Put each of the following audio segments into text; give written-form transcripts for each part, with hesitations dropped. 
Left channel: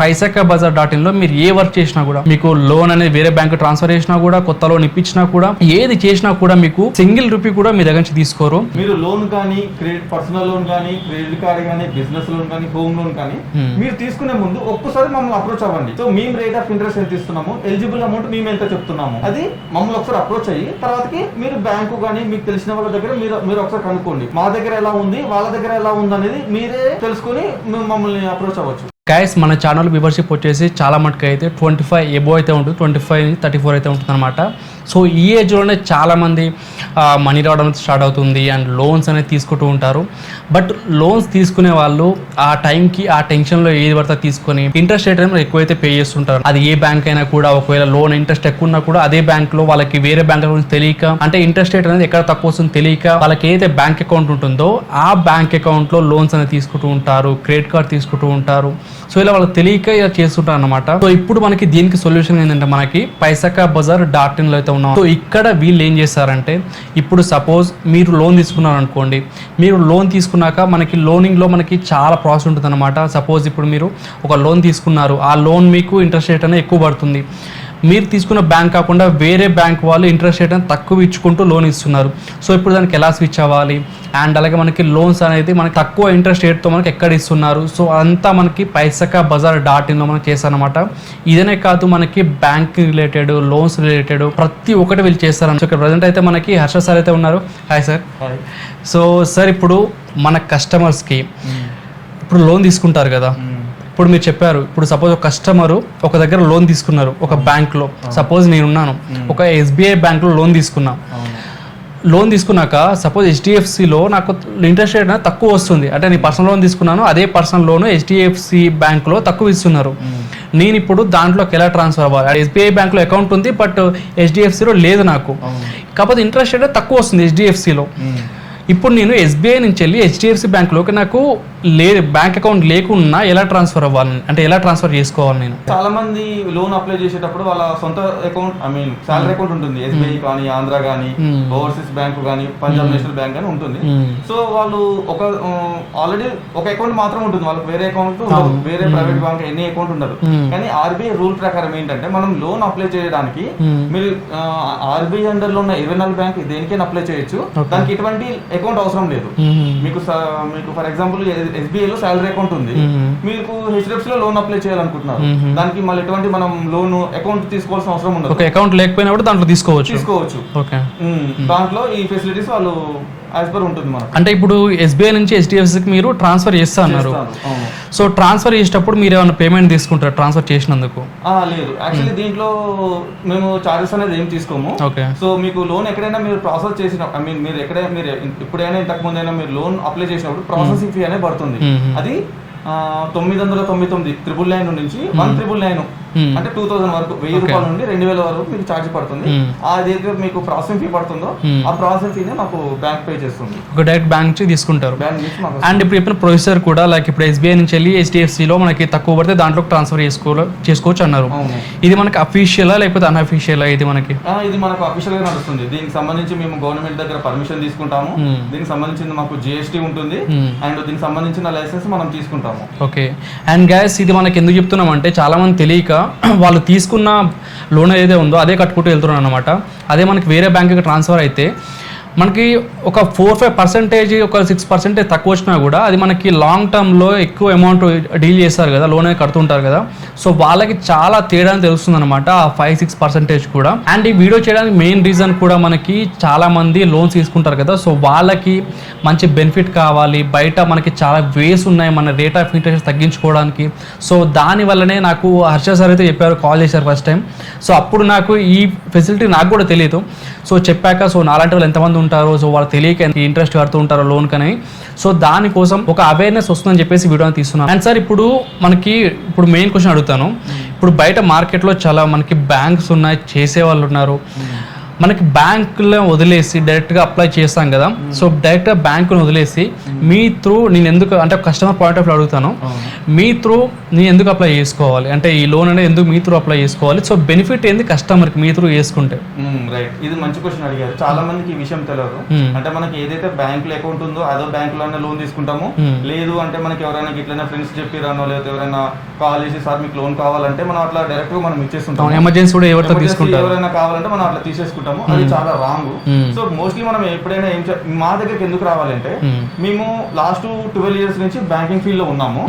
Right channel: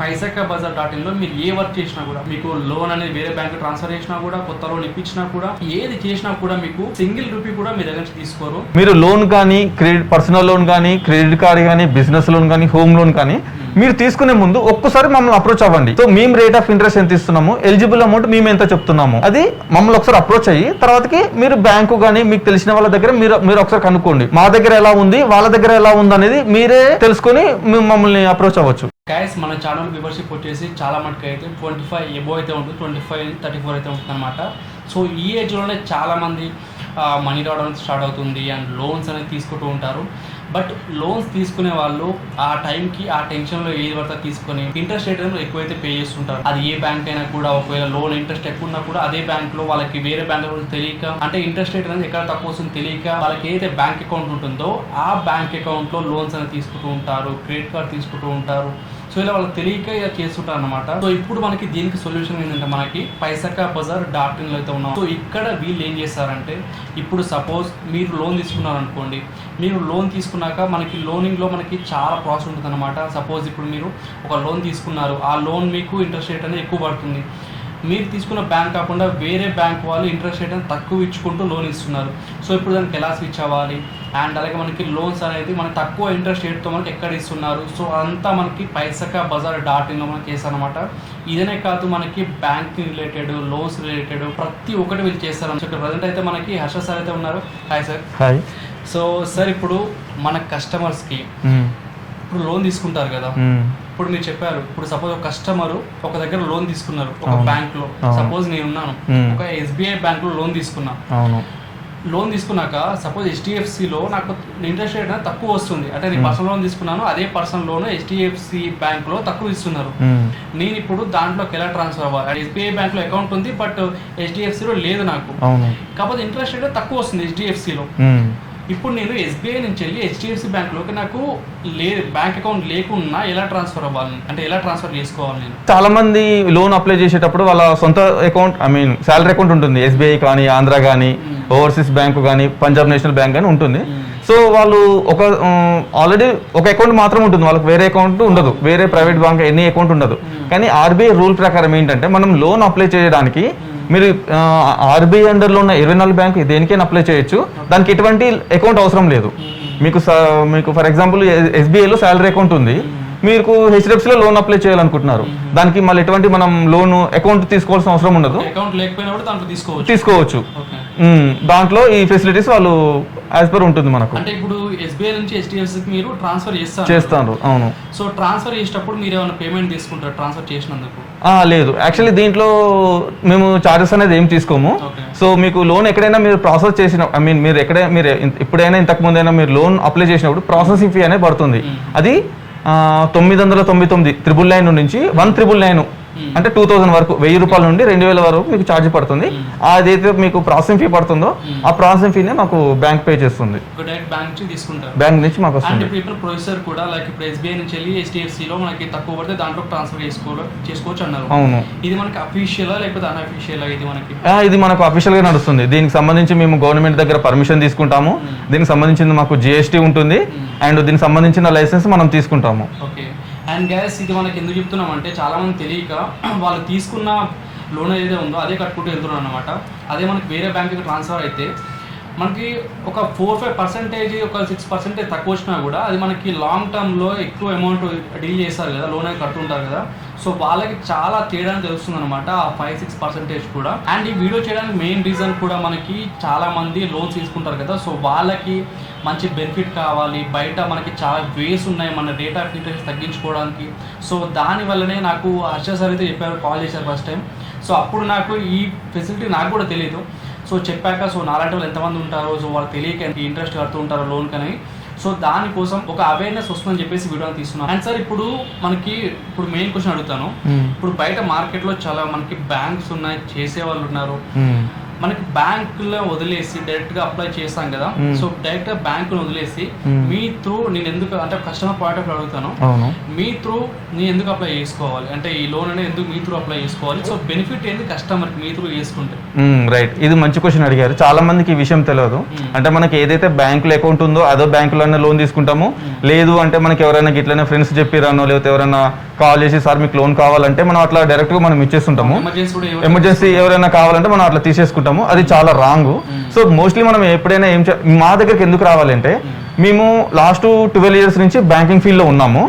paisakabazaar.in లో మీరు ఏ work చేసినా కూడా మీకు లోన్ అనేది వేరే బ్యాంక్ ట్రాన్స్ఫర్ చేసినా కూడా కొత్త లోన్ ఇప్పించినా కూడా ఏది చేసినా కూడా మీకు సింగిల్ రూపీ కూడా మీ దగ్గర నుంచి తీసుకోరు. మీరు లోన్ కానీ క్రెడిట్ పర్సనల్ లోన్ కానీ క్రెడిట్ కార్డ్ కానీ బిజినెస్ లోన్ కానీ హోమ్ లోన్ కానీ మీరు తీసుకునే ముందు ఒక్కసారి మమ్మల్ని అప్రోచ్ అవ్వండి. సో మేము రేట్ ఆఫ్ ఇంట్రెస్ట్ ఎంత ఇస్తున్నాము, ఎలిజిబుల్ అమౌంట్ మేము ఎంత చెప్తున్నాము, అది మమ్మల్ని ఒకసారి అప్రోచ్ అయ్యి తర్వాతకి మీరు బ్యాంకు కానీ మీకు తెలిసిన వాళ్ళ దగ్గర మీరు ఒకసారి కనుక్కోండి. మా దగ్గర ఎలా ఉంది వాళ్ళ దగ్గర ఎలా ఉంది అనేది మీరే తెలుసుకొని మమ్మల్ని అప్రోచ్ అవ్వచ్చు. గైస్ మన ఛానల్ మెంబర్షిప్ వచ్చేసి చాలా మటుకు అయితే 25 ఎబో అయితే ఉంటుంది, 25-34 అయితే ఉంటుంది అనమాట. సో ఈ ఏజ్లోనే చాలామంది మనీ రావడం స్టార్ట్ అవుతుంది అండ్ లోన్స్ అనేది తీసుకుంటూ ఉంటారు. బట్ లోన్స్ తీసుకునే వాళ్ళు ఆ టైంకి ఆ టెన్షన్లో ఏది పడితే తీసుకొని ఇంట్రెస్ట్ రేట్ అనేది ఎక్కువైతే పే చేస్తుంటారు. అది ఏ బ్యాంక్ అయినా కూడా ఒకవేళ లోన్ ఇంట్రెస్ట్ ఎక్కువ ఉన్నా కూడా అదే బ్యాంక్లో వాళ్ళకి వేరే బ్యాంక్ గురించి తెలియక, అంటే ఇంట్రెస్ట్ రేట్ అనేది ఎక్కడ తక్కువ వస్తుందో తెలియక వాళ్ళకి ఏదైతే బ్యాంక్ అకౌంట్ ఉంటుందో ఆ బ్యాంక్ అకౌంట్లో లోన్స్ అనేది తీసుకుంటూ ఉంటారు, క్రెడిట్ కార్డ్ తీసుకుంటూ ఉంటారు. సో ఇలా వాళ్ళకి తెలియక ఇలా చేస్తుంటారు అనమాట. సో ఇప్పుడు మనకి దీనికి సొల్యూషన్ ఏంటంటే మనకి paisakabazaar.in లో అయితే ఉన్నాం. సో ఇక్కడ వీళ్ళు ఏం చేస్తారంటే ఇప్పుడు సపోజ్ మీరు లోన్ తీసుకున్నారు అనుకోండి, మీరు లోన్ తీసుకున్నాక మనకి లోనింగ్లో మనకి చాలా ప్రాసెస్ ఉంటుంది అనమాట. సపోజ్ ఇప్పుడు మీరు ఒక లోన్ తీసుకున్నారు, ఆ లోన్ మీకు ఇంట్రెస్ట్ రేట్ అనేది ఎక్కువ పడుతుంది. మీరు తీసుకున్న బ్యాంక్ కాకుండా వేరే బ్యాంక్ వాళ్ళు ఇంట్రెస్ట్ రేట్ అనేది తక్కువ ఇచ్చుకుంటూ లోన్ ఇస్తున్నారు. సో ఇప్పుడు దానికి ఎలా స్విచ్ అవ్వాలి అండ్ అలాగే మనకి లోన్స్ అనేది మనకి తక్కువ ఇంట్రెస్ట్ రేట్తో మనకి ఎక్కడ ఇస్తున్నారు, సో అంతా మనకి paisakabazaar.in లో మనకి చేస్తారనమాట. ఇదనే కాదు మనకి బ్యాంక్ రిలేటెడ్, లోన్స్ రిలేటెడ్ ప్రతి ఒక్కటి వీళ్ళు చేస్తారు. సో ఇక్కడ ప్రజెంట్ అయితే మనకి హర్ష సార్ అయితే ఉన్నారు. Hi sir. Hi. So sir ఇప్పుడు మన కస్టమర్స్కి ఇప్పుడు లోన్ తీసుకుంటారు కదా, ఇప్పుడు మీరు చెప్పారు ఇప్పుడు సపోజ్ ఒక కస్టమర్ ఒక దగ్గర లోన్ తీసుకున్నారు ఒక బ్యాంక్ లో, సపోజ్ నేను ఉన్నాను ఒక SBI బ్యాంక్ లో లోన్ తీసుకున్నా. లోన్ తీసుకున్నాక సపోజ్ HDFCలో నాకు ఇంట్రెస్ట్ రేట్ అనేది తక్కువ వస్తుంది, అంటే నేను పర్సనల్ లోన్ తీసుకున్నాను, అదే పర్సనల్ లోన్ HDFC బ్యాంక్లో తక్కువ ఇస్తున్నారు. నేను ఇప్పుడు దాంట్లోకి ఎలా ట్రాన్స్ఫర్ అవ్వాలి? SBI బ్యాంక్లో అకౌంట్ ఉంది బట్ HDFCలో లేదు నాకు, కాకపోతే ఇంట్రెస్ట్ రేట్ తక్కువ వస్తుంది HDFCలో. ఇప్పుడు నేను SBI నుంచి వెళ్ళి HDFC బ్యాంక్లోకి నాకు బ్యాంక్ అకౌంట్ లేకున్నా ఎలా ట్రాన్స్ఫర్ అవ్వాలి, అంటే ఎలా ట్రాన్స్ఫర్ చేసుకోవాలి? నేను చాలా మంది లోన్ అప్లై చేసేటప్పుడు వాళ్ళ సొంత అకౌంట్ శాలరీ అకౌంట్ ఉంటుంది, SBI కానీ ఆంధ్ర కానీ ఓవర్సీస్ బ్యాంక్ కానీ పంజాబ్ నేషనల్ బ్యాంక్ కానీ ఉంటుంది. సో వాళ్ళు ఆల్రెడీ ఒక అకౌంట్ మాత్రం ఉంటుంది, వాళ్ళకి వేరే అకౌంట్ ఉండదు, వేరే ప్రైవేట్ బ్యాంక్ ఎనీ అకౌంట్ ఉండదు. కానీ RBI రూల్ ప్రకారం ఏంటంటే మనం లోన్ అప్లై చేయడానికి మీరు RBI అండర్ లో ఉన్న 24 బ్యాంక్ దేనికైనా అప్లై చేయొచ్చు, దానికి ఎటువంటి అకౌంట్ అవసరం లేదు. మీకు ఫర్ ఎగ్జాంపుల్ SBI లో శాలరీ అకౌంట్ ఉంది, మీకు HDFC లో లోన్ అప్లై చేయాలనుకుంటున్నారు, దానికి మళ్ళీ ఎటువంటి మనం లోన్ అకౌంట్ తీసుకోవాల్సిన అవసరం ఉండదు. అకౌంట్ లేకపోయినా కూడా దాంట్లో తీసుకోవచ్చు. దాంట్లో ఈ ఫెసిలిటీస్ వాళ్ళు యాజ్ పర్ ఉంటుంది మనకు. అంటే ఇప్పుడు SBI నుంచి HDFCకి మీరు ట్రాన్స్ఫర్ చేస్తారు. సో ట్రాన్స్ఫర్ చేసేటప్పుడు మీరు ఏమైనా పేమెంట్ తీసుకుంటారు ట్రాన్స్ఫర్ చేసినందుకు? లేదు, యాక్చువల్లీ దీంట్లో మేము చార్జెస్ అనేది ఏం తీసుకోము. సో మీకు లోన్ ఎక్కడైనా మీరు ప్రాసెస్ చేసిన మీరు ఎప్పుడైనా ఇంతకు ముందైనా మీరు లోన్ అప్లై చేసినప్పుడు ప్రాసెసింగ్ ఫీ అనేది పడుతుంది. అది 999 999 నుంచి 1,999 అంటే 2000 వరకు, 1000 రూపాయల నుండి 2000 వరకు మీకు ఛార్జ్ పడుతుంది. అదైతే మీకు ప్రాసెసింగ్ ఫీ పడుతుందో ఆ ప్రాసెసింగ్ ఫీనే మాకు బ్యాంక్ పే చేస్తుంది. డైరెక్ట్ బ్యాంక్ నుంచి తీసుకుంటారు, బ్యాంక్ నుంచి మాకు. అండ్ ఇప్పుడు చెప్పిన ప్రొసీజర్ కూడా లైక్ ఇప్పుడు SBI నుంచి వెళ్ళి HDFCలో మనకి తక్కువ పడితే దాంట్లో ట్రాన్స్ఫర్ చేసుకోవచ్చు అన్నారు. ఇది మనకి అఫీషియలా లేకపోతే అన్అఫీషియలా? ఇది మనకు అఫీషియల్ గా నడుస్తుంది. దీనికి సంబంధించి మేము గవర్నమెంట్ దగ్గర పర్మిషన్ తీసుకుంటాము, దీనికి సంబంధించిన మాకు GST ఉంటుంది అండ్ దీనికి సంబంధించిన లైసెన్స్ మనం తీసుకుంటాము. ఓకే. అండ్ గైస్ ఇది మనకి ఎందుకు చెప్తున్నాం అంటే చాలా మంది తెలియక వాళ్ళు తీసుకున్న లోన్ ఏదైతే ఉందో అదే కట్టుకుంటూ వెళ్తున్నారు అనమాట. అదే మనకి వేరే బ్యాంక్కి ట్రాన్స్ఫర్ అయితే మనకి ఒక 4-5% ఒక 6% తక్కువ వచ్చినా కూడా అది మనకి లాంగ్ టర్మ్లో ఎక్కువ అమౌంట్ డీల్ చేస్తారు కదా, లోన్ కడుతుంటారు కదా, సో వాళ్ళకి చాలా తేడా తెలుస్తుంది అనమాట ఆ 5-6% కూడా. అండ్ ఈ వీడియో చేయడానికి మెయిన్ రీజన్ కూడా మనకి చాలా మంది లోన్స్ తీసుకుంటారు కదా, సో వాళ్ళకి మంచి బెనిఫిట్ కావాలి, బయట మనకి చాలా వేస్ ఉన్నాయి మన రేట్ ఆఫ్ ఇంట్రెస్ట్ తగ్గించుకోవడానికి. సో దానివల్లనే నాకు హర్ష సార్ అయితే చెప్పారు, కాల్ చేశారు ఫస్ట్ టైం. సో అప్పుడు నాకు ఈ ఫెసిలిటీ నాకు కూడా తెలియదు. సో చెప్పాక సో నాలాంటి వాళ్ళు ఎంతమంది ఉంటారో, సో వాళ్ళు తెలియక ఇంట్రెస్ట్ కడుతూ ఉంటారో లోన్ కని, సో దానికోసం ఒక అవేర్నెస్ వస్తుందని చెప్పేసి వీడియోని తీస్తున్నాను. అండ్ సార్ ఇప్పుడు మెయిన్ క్వశ్చన్ అడుగుతాను. ఇప్పుడు బయట మార్కెట్లో చాలా మనకి బ్యాంక్స్ ఉన్నాయి, చేసే వాళ్ళు ఉన్నారు, మనకి బ్యాంకులో వదిలేసి డైరెక్ట్గా అప్లై చేస్తాం కదా, సో డైరెక్ట్గా బ్యాంకును వదిలేసి మీ త్రూ నేను ఎందుకు అంటే కస్టమర్ పాయింట్ ఆఫ్ వ్యూ అడుగుతాను, మీ త్రూ నేను ఎందుకు అప్లై చేసుకోవాలి అంటే ఈ లోన్ అనేది ఎందుకు మీ త్రూ అప్లై చేసుకోవాలి, సో బెనిఫిట్ ఏంది కస్టమర్కి మీ త్రూ చేసుకుంటే? రైట్, ఇది మంచి క్వశ్చన్ అడిగారు. చాలా మందికి ఈ విషయం తెలియదు. అంటే మనకి ఏదైతే బ్యాంకులో అకౌంట్ ఉందో అదో బ్యాంకులోనే లోన్ తీసుకుంటాము. లేదు అంటే మనకి ఎవరైనా ఇట్లనే ఫ్రెండ్స్ చెప్పిరానో లేకపోతే ఎవరైనా కాల్ చేసి సార్ మీకు లోన్ కావాలంటే మనం అట్లా డైరెక్ట్ గా మనం ఇచ్చేస్తుంటాము. ఎమర్జెన్సీ ఎవరైనా కావాలంటే మనం అట్లా తీసేసుకుంటాము. అది చాలా రాంగ్. సో మోస్ట్లీ మనం ఎప్పుడైనా మా దగ్గరికి ఎందుకు రావాలంటే మేము లాస్ట్ 12 years నుంచి బ్యాంకింగ్ ఫీల్డ్ లో ఉన్నాము.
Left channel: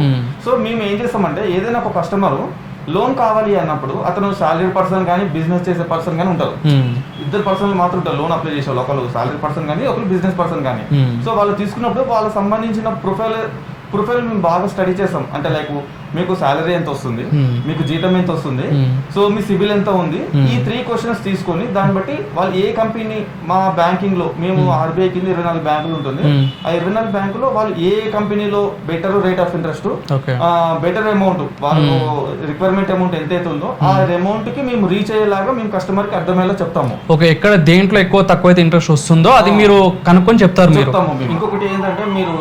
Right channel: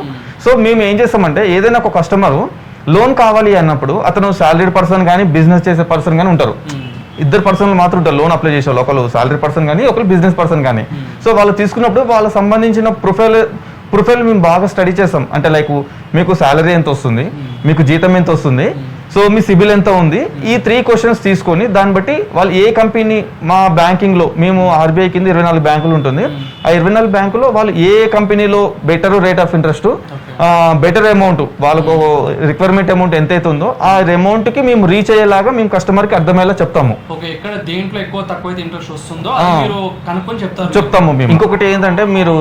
సో మేము ఏం చేస్తామంటే ఏదైనా ఒక కస్టమర్ లోన్ కావాలి అన్నప్పుడు అతను సాలరీడ్ పర్సన్ కానీ బిజినెస్ చేసే పర్సన్ కానీ ఉంటారు. ఇద్దరు పర్సన్లు మాత్రం ఉంటారు లోన్ అప్లై చేసే వాళ్ళు, ఒకరు సాలరీ పర్సన్ కానీ ఒకరు బిజినెస్ పర్సన్ కానీ. సో వాళ్ళు తీసుకున్నప్పుడు వాళ్ళకి సంబంధించిన ప్రొఫైల్ మేము బాగా స్టడీ చేస్తాం. అంటే లైక్ మీకు సాలరీ ఎంత వస్తుంది, మీకు జీతం ఎంత వస్తుంది, సో మీ సిబిల్ ఎంత ఉంది, ఈ 3 questions తీసుకొని దాన్ని బట్టి వాళ్ళు ఏ కంపెనీ మా బ్యాంకింగ్ లో మేము ఆర్బీఐ కింద 24 బ్యాంకులు ఉంటుంది. ఆ 24 బ్యాంకులో వాళ్ళు ఏ కంపెనీలో better rate of interest, better amount వాళ్ళకు రిక్వైర్మెంట్ అమౌంట్ ఎంత అయితే ఉందో ఆ అమౌంట్ కి మేము రీచ్ అయ్యేలాగా మేము కస్టమర్ కి అర్థమయ్యేలా చెప్తాము. ఓకే, ఎక్కడ దేంట్లో ఎక్కువ తక్కువ అయితే ఇంట్రెస్ట్ వస్తుందో అది మీరు కనుక్కొని చెప్తాము మేము. ఇంకొకటి ఏంటంటే మీరు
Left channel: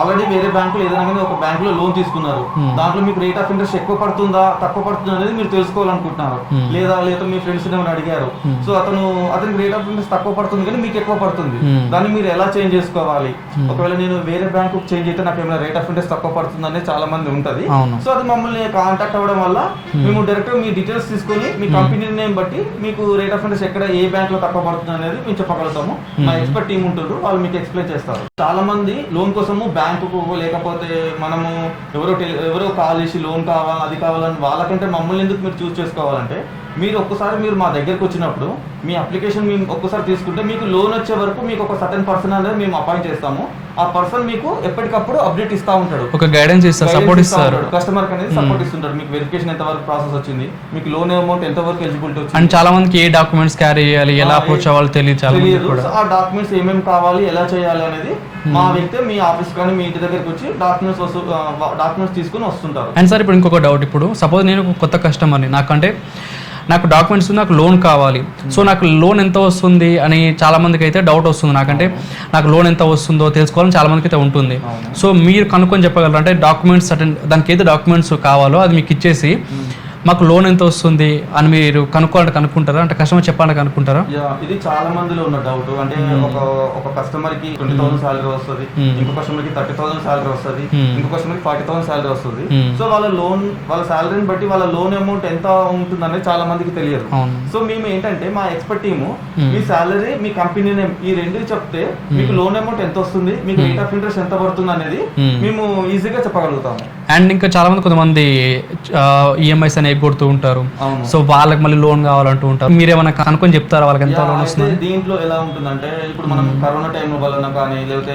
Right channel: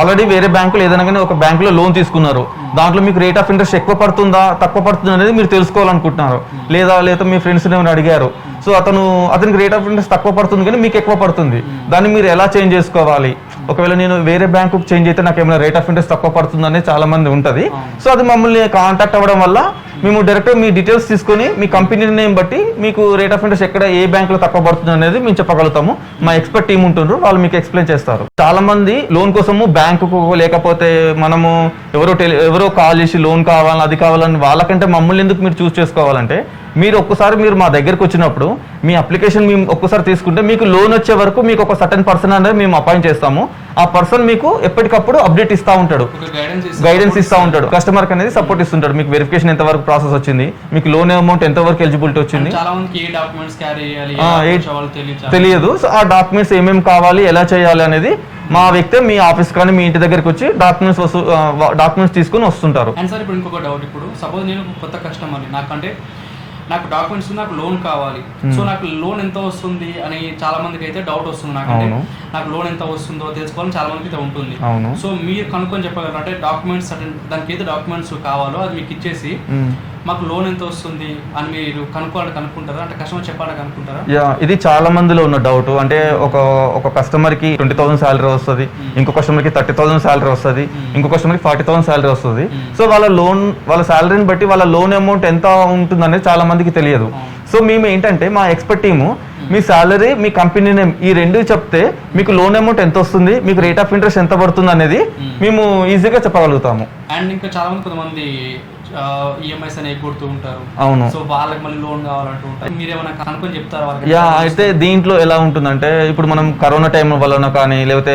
ఆల్రెడీ వేరే బ్యాంకులో ఏదైనా కానీ ఒక బ్యాంకులో లోన్ తీసుకున్నారు, దాంట్లో మీకు రేట్ ఆఫ్ ఇంట్రెస్ట్ ఎక్కువ పడుతుందా తక్కువ పడుతుందా అనేది మీరు తెలుసుకోవాలనుకుంటున్నారు. లేదా మీ ఫ్రెండ్స్ ఏమైనా అడిగారు, సో అతనికి రేట్ ఆఫ్ ఇంట్రెస్ట్ తక్కువ పడుతుంది కానీ మీకు ఎక్కువ పడుతుంది, దాన్ని మీరు ఎలా చేంజ్ చేసుకోవాలి, ఒకవేళ నేను వేరే బ్యాంకు చేంజ్ అయితే నాకు ఏమైనా రేట్ ఆఫ్ ఇంట్రెస్ట్ తక్కువ పడుతుంది అనేది చాలా మంది ఉంటది. సో అది మమ్మల్ని కాంటాక్ట్ అవ్వడం వల్ల మేము డైరెక్ట్ మీ డీటెయిల్స్ తీసుకొని మీ కంపెనీ నేమ్ బట్టి మీకు రేట్ ఆఫ్ ఇంట్రెస్ట్ ఎక్కడ ఏ బ్యాంక్ లో తక్కువ పడుతుంది అనేది మేము చెప్పగలుగుతాము. మా ఎక్స్పర్ట్ టీమ్ ఉంటున్నారు, వాళ్ళు మీకు ఎక్స్ప్లెయిన్ చేస్తారు. చాలా మంది లోన్ కోసము బ్యాంకుకు లేకపోతే మనము ఎవరో కాల్ చేసి లోన్ కావాలని అది కావాలని వాళ్ళకంటే మమ్మల్ని ఎందుకు మీరు చూస్ చేసుకోవాలంటే మీరు ఒక్కసారి మీరు మా దగ్గరకు వచ్చినప్పుడు మీ అప్లికేషన్ మేము ఒక్కసారి తీసుకుంటే మీకు లోన్ వచ్చే వరకు మీకు ఒక సర్టన్ పర్సన్ అనేది మేము అపాయింట్ చేస్తాము. ఆ పర్సన్ మీకు ఎప్పటికప్పుడు అప్డేట్ ఇస్తా ఉంటాడు, ఒక గైడెన్స్ ఇస్తా ఉంటాడు, కస్టమర్ అనేది సపోర్ట్ ఇస్తుంటాడు. మీకు వెరిఫికేషన్ ఎంత వరకు ప్రాసెస్ వచ్చింది, మీకు లోన్ అమౌంట్ ఎంత వరకు ఎలిజిబిలిటీ వచ్చింది, చాలా మందికి ఏ డాక్యుమెంట్స్ క్యారీ చేయాలి తెలియదు. సో ఆ డాక్యుమెంట్స్ ఏమేమి కావాలి ఎలా చేయాలి అనేది మా వ్యక్తి మీ ఆఫీస్ కానీ మీ ఇంటి దగ్గరకు వచ్చి డాక్యుమెంట్స్ తీసుకుని వస్తుంటారు. అండ్ సార్ ఇప్పుడు ఇంకొక డౌట్, ఇప్పుడు సపోజ్ నేను కొత్త కస్టమర్ని, నాకు డాక్యుమెంట్స్ నాకు లోన్ కావాలి, సో నాకు లోన్ ఎంత వస్తుంది అని చాలా మందికి అయితే డౌట్ వస్తుంది. నాకంటే నాకు లోన్ ఎంత వస్తుందో తెలుసుకోవాలని చాలా మందికి అయితే ఉంటుంది. సో మీరు కనుక్కొని చెప్పగలరు అంటే డాక్యుమెంట్స్ దానికి అయితే డాక్యుమెంట్స్ కావాలో అది మీకు ఇచ్చేసి మాకు లోన్ ఎంత వస్తుంది అని మీరు కనుక్కుంటారా అంటే కస్టమర్ చెప్పాలని కనుక్కుంటారా? ఇది చాలా మందిలో ఉన్న డౌట్. అంటే ఒక కస్టమర్ కి 20,000 శాలరీ వస్తుంది, ఇంకో కస్టమర్ కి 30,000 శాలరీ వస్తుంది, ఇంకో కస్టమర్ కి 40,000 శాలరీ వస్తుంది. సో వాళ్ళ శాలరీని బట్టి వాళ్ళ లోన్ అమౌంట్ ఎంత ఉంటుంది అనేది చాలా మందికి తెలియదు. సో మేము ఏంటంటే మా ఎక్స్పర్ట్ టీము మీ శాలరీ మీ కంపెనీ నేమ్ ఈ రెండు చెప్తే మీకు లోన్ అమౌంట్ ఎంత వస్తుంది, మీకు రేట్ ఆఫ్ ఇంట్రెస్ట్ ఎంత పడుతుంది అనేది మేము ఈజీగా చెప్పగలుగుతాము. అండ్ ఇంకా చాలా మంది కొంతమంది ఈఎంఐస్ అని కొడుతూ ఉంటారు, సో వాళ్ళకి మళ్ళీ లోన్ కావాలంటూ ఉంటారు, మీరేమైనా కనుక్కొని చెప్తారా వాళ్ళకి? అయితే దీంట్లో ఎలా ఉంటుందంటే ఇప్పుడు మనం కరోనా టైం వల్ల కానీ లేకపోతే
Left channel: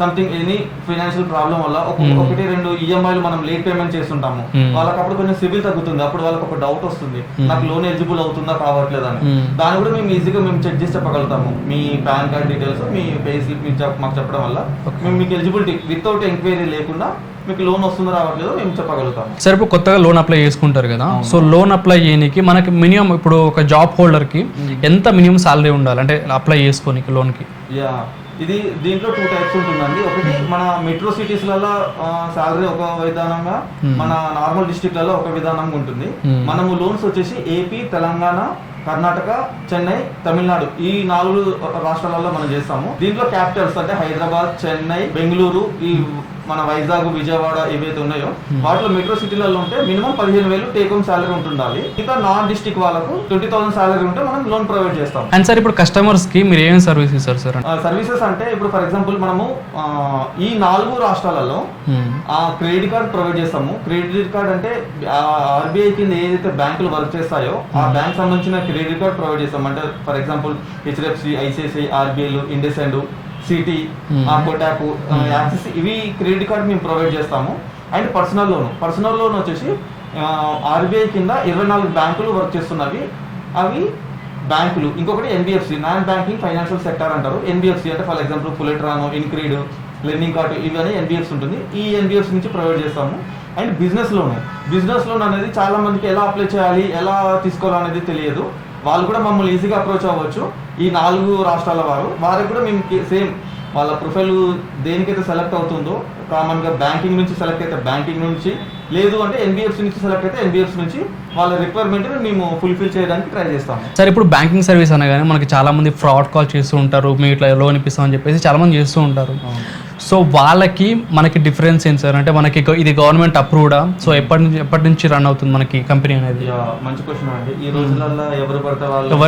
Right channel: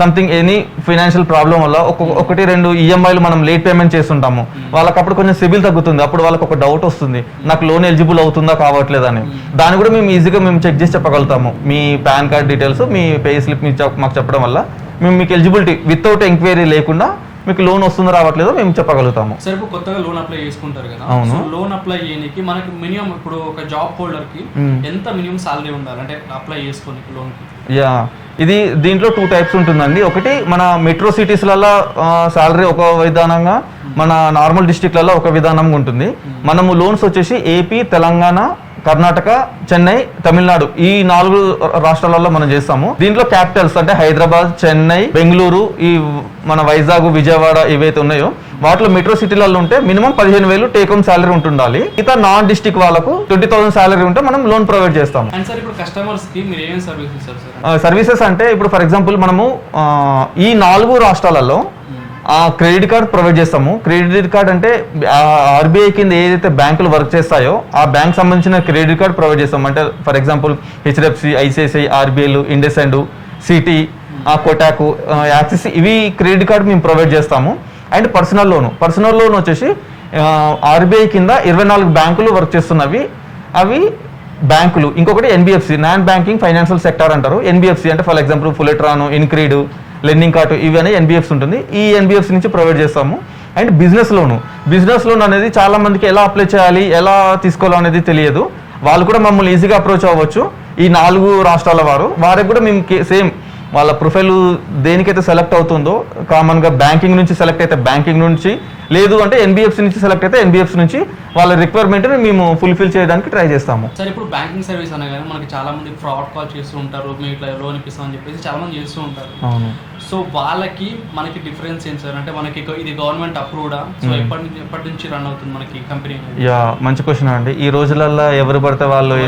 సంథింగ్ ఎనీ ఫైనాన్షియల్ ప్రాబ్లం వల్ల 1-2 ఈఎంఐలు మనం లేట్ పేమెంట్ చేస్తుంటాము. వాళ్ళకి అప్పుడు కొంచెం సిబిల్ తగ్గుతుంది, అప్పుడు వాళ్ళకి ఒక డౌట్ వస్తుంది నాకు లోన్ ఎలిజిబుల్ అవుతుందా కావట్లేదని. దాన్ని కూడా మేము ఈజీగా చెక్ చేసి చెప్పగలుగుతాము. మీ పాన్ కార్డ్ డీటెయిల్స్ మీ పే స్లిప్ మాకు చెప్పడం వల్ల మేము మీకు ఎలిజిబిలిటీ వితౌట్ ఎంక్వైరీ లేకుండా మీకు లోన్ వస్తుందో రావట్లేదో మేము చెప్పగలుగుతాము. సరే ఇప్పుడు కొత్తగా లోన్ అప్లై చేసుకుంటారు కదా, సో లోన్ అప్లై చేయడానికి మనకి మినిమం ఇప్పుడు ఒక జాబ్ హోల్డర్ కి ఎంత మినిమం సాలరీ ఉండాలి అంటే అప్లై చేసుకోనికి లోన్ కి? ఇది దీంట్లో 2 types ఉంటుందండి. ఒకటి మన మెట్రో సిటీస్లలో సాలరీ ఒక విధానంగా, మన నార్మల్ డిస్ట్రిక్ట్లలో ఒక విధానంగా ఉంటుంది. మనము లోన్స్ వచ్చేసి ఏపీ, తెలంగాణ, కర్ణాటక, చెన్నై, తమిళనాడు ఈ 4 రాష్ట్రాలలో మనం చేస్తాము. దీంట్లో క్యాపిటల్స్ అంటే హైదరాబాద్, చెన్నై, బెంగళూరు, ఈ మన వైజాగ్, విజయవాడ ఏవైతే ఉన్నాయో వాటిలో మెట్రో సిటీలలో ఉంటే మినిమం 15,000 టేక్ హోమ్ సాలరీ ఉంటుండాలి. ఇక నాన్ డిస్ట్రిక్ట్ వాళ్ళకు 20,000 సాలరీ ఉంటే మనం లోన్ ప్రొవైడ్ చేస్తాం. అండ్ సార్ ఇప్పుడు కస్టమర్స్ కి మీరు ఏమేమి సర్వీస్ ఇస్తారు సార్? సర్వీసెస్ అంటే ఇప్పుడు ఫర్ ఎగ్జాంపుల్ మనము ఈ 4 రాష్ట్రాలలో క్రెడిట్ కార్డ్ ప్రొవైడ్ చేస్తాము. క్రెడిట్ కార్డ్ అంటే ఆర్బీఐ కింద ఏదైతే బ్యాంకులు వర్క్ చేస్తాయో ఆ బ్యాంక్ సంబంధించిన క్రెడిట్ కార్డ్ ప్రొవైడ్ చేస్తాం. అంటే ఫర్ ఎగ్జాంపుల్ హెచ్డిఎఫ్సి, ఐసిఐసిఐ, ఆర్బీఐలు, ఇండస్ఇండ్, సిటీ, కోటాకు, యాక్సిస్ ఇవి క్రెడిట్ కార్డ్ మేము ప్రొవైడ్ చేస్తాము. అండ్ పర్సనల్ లోన్ వచ్చేసి ఆర్బీఐ కింద 24 బ్యాంకులు వర్క్ చేస్తున్నవి, అవి బ్యాంకులు. ఇంకొకటి NBFC, non banking financial sector అంటారు. ఎన్బిఎఫ్సి అంటే for example Fullerton, InCred, lending card ఇవి అనేది ఎన్బిఎఫ్సి ఉంటుంది. ఈ ఎన్బిఎఫ్సి నుంచి ప్రొవైడ్ చేస్తాము. అండ్ బిజినెస్ లోన్ అనేది చాలా మందికి ఎలా అప్లై చేయాలి, ఎలా తీసుకోవాలి అనేది తెలియదు. వాళ్ళు కూడా మమ్మల్ని ఈజీగా అప్రోచ్ అవ్వచ్చు. ఈ 4 రాష్ట్రాల వారికి కూడా మేము సేమ్ వాళ్ళ ప్రొఫైల్ దేనికైతే సెలెక్ట్ అవుతుందో, కామన్గా బ్యాంకింగ్ నుంచి సెలెక్ట్ అయితే బ్యాంకింగ్ నుంచి, లేదు అంటే ఎన్బిఎఫ్సి నుంచి సెలెక్ట్ అయితే ఎన్బిఎఫ్సి నుంచి వాళ్ళ రిక్వైర్మెంట్ని మేము ఫుల్ఫిల్ చేయడానికి ట్రై చేస్తాము. సార్ ఇప్పుడు బ్యాంకింగ్ సర్వీస్ అనగానే మనకి చాలా మంది ఫ్రాడ్ కాల్ చేస్తూ ఉంటారు, మేము ఇట్లా లోన్ ఇప్పిస్తామని చెప్పేసి చాలా మంది చేస్తూ ఉంటారు. సో వాళ్ళకి మనకి డిఫరెన్స్ ఏంటి సార్? అంటే మనకి ఇది గవర్నమెంట్ అప్రూవ్డా? సో ఎప్పటి నుంచి రన్ అవుతుంది మనకి కంపెనీ అనేది? మంచి క్వశ్చన్ అండి. ఈ రోజులలో ఎవరు పడితే వాళ్ళు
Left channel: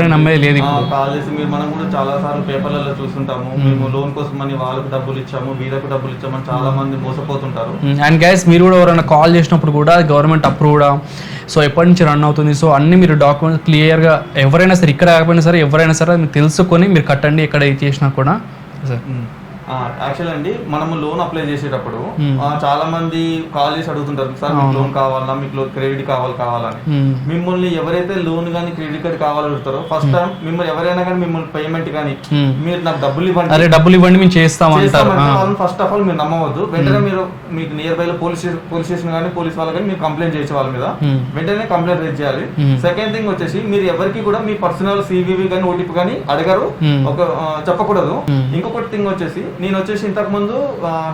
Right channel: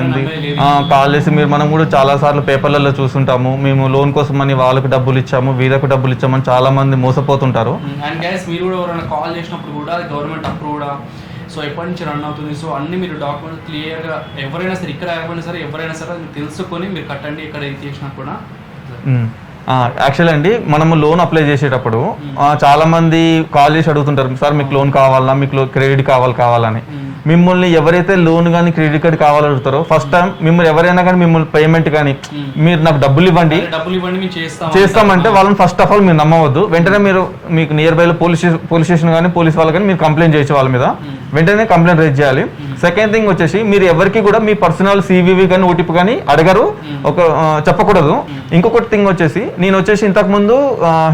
కాల్ చేసి మనం కూడా చాలా సార్లు పేపర్లలో చూస్తుంటాము, మేము లోన్ కోసం అని వాళ్ళకి డబ్బులు ఇచ్చాము, వీళ్ళకు డబ్బులు ఇచ్చామని చాలా మంది మోసపోతుంటారు. అండ్ గైస్, మీరు కూడా ఎవరైనా కాల్ చేసినప్పుడు కూడా గవర్నమెంట్ అప్రూవ్డా, సో ఎప్పటి నుంచి రన్ అవుతుంది, సో అన్ని మీరు డాక్యుమెంట్స్ క్లియర్గా ఎవరైనా సరే, ఇక్కడ కాకపోయినా సరే ఎవరైనా సరే మీరు తెలుసుకొని మీరు కట్టండి ఎక్కడ చేసినా కూడా. యాక్చువల్ అండి, మనము లోన్ అప్లై చేసేటప్పుడు చాలా మంది కాల్ చేసి అడుగుతుంటారు, సార్ మీకు లోన్ కావాలా, మీకు క్రెడిట్ కావాలని. మిమ్మల్ని ఎవరైతే లోన్ కానీ క్రెడిట్ కార్డ్ కావాలడుగుతారో ఫస్ట్ టైం మిమ్మల్ని ఎవరైనా కానీ మిమ్మల్ని పేమెంట్ కానీ మీరు నాకు డబ్బులు ఇవ్వండి మేము చేస్తామంటే వాళ్ళని ఫస్ట్ ఆఫ్ ఆల్ మీరు నమ్మవద్దు. వెంటనే మీరు మీకు నియర్ బై లో పోలీస్ స్టేషన్ కానీ పోలీస్ వాళ్ళు కానీ మీరు కంప్లైంట్ చేయొచ్చు వాళ్ళ మీద, వెంటనే కంప్లైంట్ రేజ్ చేయాలి. సెకండ్ థింగ్ వచ్చేసి, మీరు ఎవరికి కూడా మీ పర్సనల్ సివివి కానీ ఓటీపీ కానీ అడగరు, చెప్పకూడదు. ఇంకొకటి థింగ్ వచ్చేసి, నేను వచ్చేసి ఇంతకు ముందు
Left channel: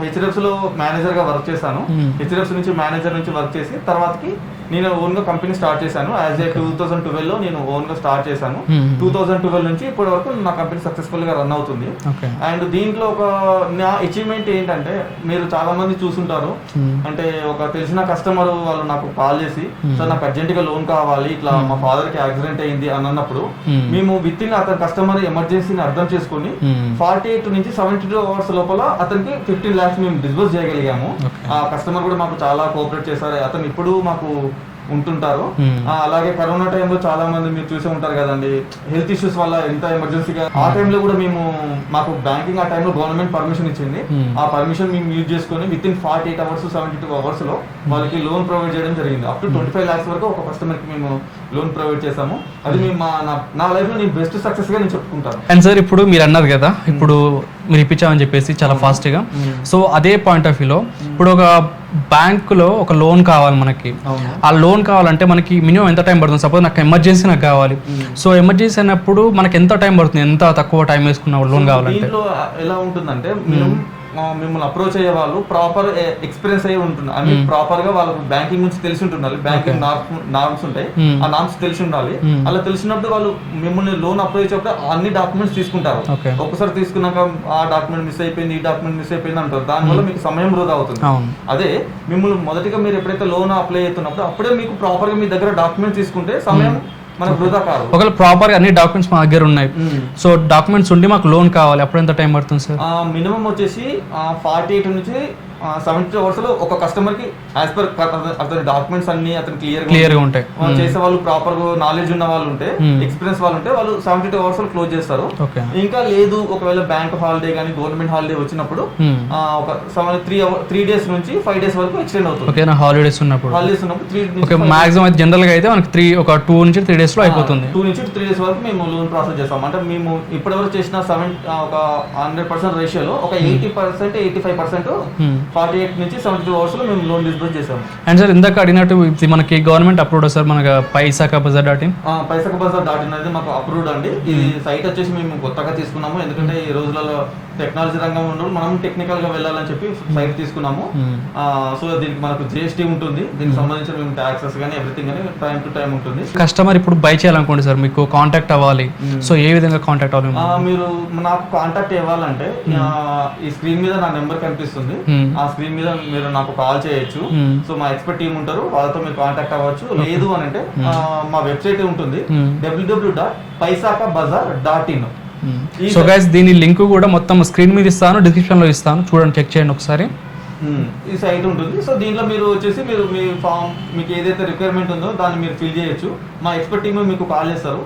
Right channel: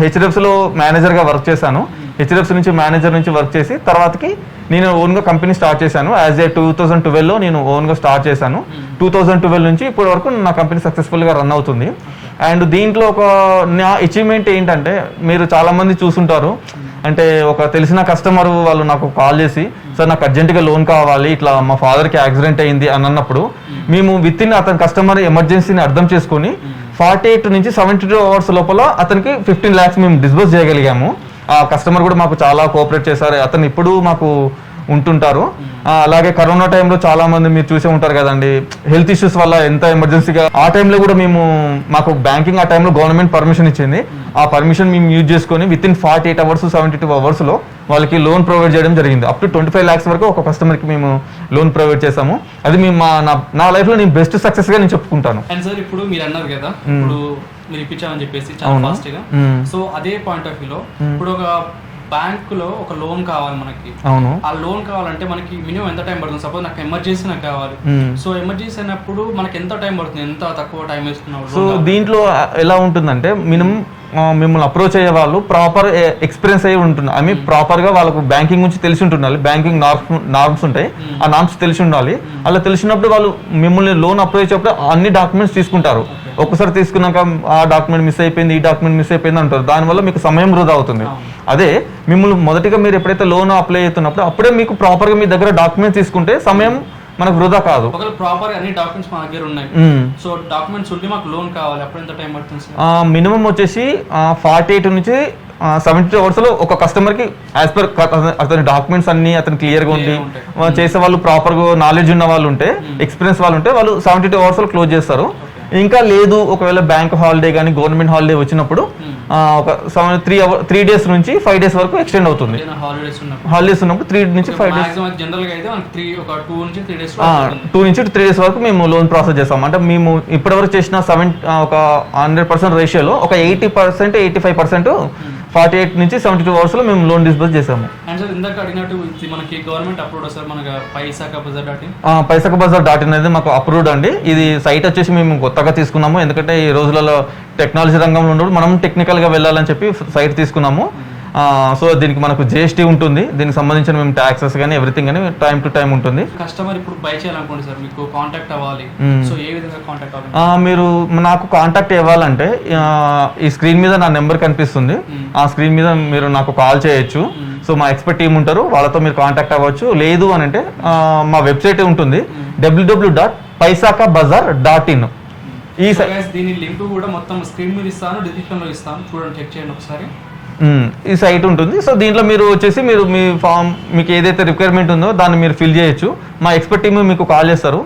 హెచ్డిఎఫ్సి లో మేనేజర్ గా వర్క్ చేశాను. హెచ్డిఎఫ్సి నుంచి మేనేజర్ నుంచి వర్క్ చేసి తర్వాతకి నేను ఓన్ గా కంపెనీ స్టార్ట్ చేశాను. యాజ్ ఏ 2012 లో నేను ఓన్ గా స్టార్ట్ చేశాను. 2012 నుంచి ఇప్పటి వరకు నా కంపెనీ సక్సెస్ఫుల్ గా రన్ అవుతుంది. అండ్ దీంట్లో ఒక నా అచీవ్మెంట్ ఏంటంటే, మీరు చాలా మంది చూసుంటారు, అంటే ఒక తెలిసిన కస్టమర్ వాళ్ళు నాకు కాల్ చేసి, సార్ నాకు అర్జెంట్ గా లోన్ కావాలి, ఇట్లా మా ఫాదర్ కి యాక్సిడెంట్ అయింది అని అన్నప్పుడు, మేము విత్ ఇన్ అతని కస్టమర్ ఎమర్జెన్సీని అర్థం చేసుకుని 48 నుంచి 72 అవర్స్ లోపల అతనికి 15 lakhs మేము డిస్బర్స్ చేయగలిగాము. ఆ కస్టమర్ కూడా మాకు చాలా కోఆపరేట్ చేశారు. అతను ఇప్పుడు మాకు ఉంటుంటారు. అలాగే కరోనా టైంలో చాలా మంది మీరు చూసే ఉంటారు కదండి, హెల్త్ ఇష్యూస్ వల్ల ఎంత ఎమర్జెన్సీగా ఆ టైంలో కూడా మాకు బ్యాంకింగ్ ఆ టైంలో గవర్నమెంట్ పర్మిషన్ ఇచ్చింది. ఆ పర్మిషన్ మేము యూజ్ చేసుకొని విత్ ఇన్ 48 అవర్స్ 72 అవర్స్ లో వాళ్ళకి లోన్ ప్రొవైడ్ చేయడం జరిగింది. అప్ టు 25 lakhs వరకు ఒక కస్టమర్ కి మేము లోన్ ప్రొవైడ్ చేసాము. అది మేము నా లైఫ్ లో నేను బెస్ట్ సక్సెస్ గా నేను చెప్పుకుంటాను. అండ్ సార్, ఇప్పుడు మీరు అన్నారు కదా, ఇప్పుడు మీరు ఇప్పించామని చెప్పేసి చాలా ఫాస్ట్ గా, సో అదే పాయింట్ ఆఫ్ వ్యూలో ఇప్పుడు ఒక బ్యాంక్ లో ఒక లోన్ కావాలి మనకి, ఆ లోన్ కావాలంటే మనకి మినిమం ఎంత టైం పడుతుంది? సపోజ్ నాకు ఎమర్జెన్సీ నాకు కావాలి, సో ఎమర్జెన్సీ అయినప్పుడు మనకి ఎంత టైం పడుతుంది? ఎంత తక్కువ టైం వేసుకున్న లోన్ కావాలి? దీంట్లో ఎలా ఉంటుందంటే, మినిమం మిమ్మల్ని అప్రోచ్ అయ్యే వాళ్ళు ప్రాపర్ ఎక్స్పీరియన్స్ అయ్యి ఉంటుంది. ఐ మీన్ ప్రాపర్ గా వాళ్ళకు బ్యాంకింగ్ గురించి తెలిసి ఉంటుండాలి. బ్యాంకింగ్ నార్మ్స్ ఉంటాయి, ఆ నార్మ్స్ తెలిసి ఉండాలి. అలా తెలిసినప్పుడు వాళ్ళు మిమ్మల్ని లోన్ అప్లై చేసేటప్పుడు అన్ని డాక్యుమెంట్స్ తీసుకుంటారు. ఒక్కసారి తీసుకున్నాక ఆ డాక్యుమెంట్ మిస్ అయిపోయింది, ఈ డాక్యుమెంట్ మిస్ అయిపోయింది అంటారు. దానివల్ల మీకు సమయం వృధా అవుతుంది. అదే మిమ్మల్ని మొదటిగా మీరు ఎప్పుడైతే లోన్ అప్లై అవుతున్నప్పుడు అప్పుడే మీకు ప్రాపర్ గా మీ దగ్గర డాక్యుమెంట్స్ తీసుకుంటే సమయం మనకు వృధా కాదు. ఒకవేళ ప్రాపర్ అన్ని డాక్యుమెంట్స్ మా దగ్గర ఉన్నాయి, సో డాక్యుమెంట్స్ ఉండి మాకు లోన్ కావాలి, అప్పుడు ఎంత టైం పడుతుంది సార్? మినిమం వచ్చేసి 48 నుంచి 72 అవర్స్ లో ఒక కస్టమర్ కి యాజ్ పర్ అతని డాక్యుమెంట్స్ అన్ని అతను క్లియర్ గా ఉంటాయి. చేసే వాళ్ళు ప్రాపర్ గా నాలెడ్జ్ ఉన్న వాళ్ళు ఉంటే, ఎక్స్పీరియన్స్ వాళ్ళు ఉంటే వాళ్ళు 72 అవర్స్ లో క్లోజ్ చేస్తారు. ఇంకా లేదు, ఒకవేళ బ్యాంక్ హాలిడే కానీ గవర్నమెంట్ హాలిడే వచ్చినప్పుడు ఒక 3 days నుంచి 5 days వరకు ఎక్స్టెండ్ అవుతుంది. హాలిడేస్ ఉన్నప్పుడు 3 నుంచి మాక్సిమం అయితే జనరల్ గా అయితే మనకి 2 నుంచి 3 days లో అయిపోతుంది. 2 నుంచి 3 days వరకు మేము లోన్ ప్రాసెస్ చేస్తాం. అంటే మేము ఇప్పటివరకు చేసిన ఒక 100% రేషియోలో ఒక 80% 85% 48 నుంచి 72 అవర్స్ లో మేము లోన్ డిస్బర్స్ చేసాము. అండ్ సార్, ఇందాక అడిగినట్టు మనకి గవర్నమెంట్ అప్రూవ్డ్ సార్, మనకి paisakabazar.in paisakabazar.in అనేది మాకు అప్రూవ్డ్ అండి. ఇది సైట్ వచ్చేసి మేము కొత్తగా తీసుకున్నాము, ఎందుకంటే ఈ రోజులలో టెక్నాలజీ రంగంలో ఉండదు, మనం టెక్నికల్ గా వెళ్ళాలని చెప్పి సైట్ తీసుకున్నాము. సో దీనికి మనకు జిఎస్టీ ఉంటుంది, దీనికి సంబంధించిన మేము ట్యాక్సెస్ కానీ ఎవ్రీథింగ్ కానీ టైం టు టైం ఉంటుంది. కస్టమర్ ఇప్పుడు బై చేయాలనుకోండి సార్, మీకు కాంటాక్ట్ అవ్వాలి, సో ఏ విధంగా కాంటాక్ట్ అవ్వాలి? మీరు నాకు కాంటాక్ట్ అవ్వాలంటే ఈ స్క్రీన్ మీద నా నెంబర్ కనిపిస్తుంది, ఆ స్క్రీన్ మీద మీరు నాకు కాల్ చేయొచ్చు. సో మా ఎక్స్పర్ట్ టీమ్ ఉంటారు, వాళ్ళతో మీరు కాంటాక్ట్ అవ్వచ్చు. లేదు అని అంటే మా వెబ్సైట్ ఉంటుంది www.paisakabazar.in. సో గైస్, దీని లింక్ కూడా మొత్తం స్క్రీన్ మీద ఇస్తాను, డిస్క్రిప్షన్ లో ఇస్తాను, చూడండి, చెక్ చేయండి ఒకసారి. ఈ సైట్ ఉంటుంది. సో దీంట్లో మీరు వచ్చేసి మీరు మీ ఫామ్ మీకు ఏదైతే రిక్వైర్మెంట్ ఉందో దాన్ని మీరు ఫిల్ చేయొచ్చు. మా ఎక్స్పర్ట్ టీమ్ మీకు కాల్ చేస్తారు.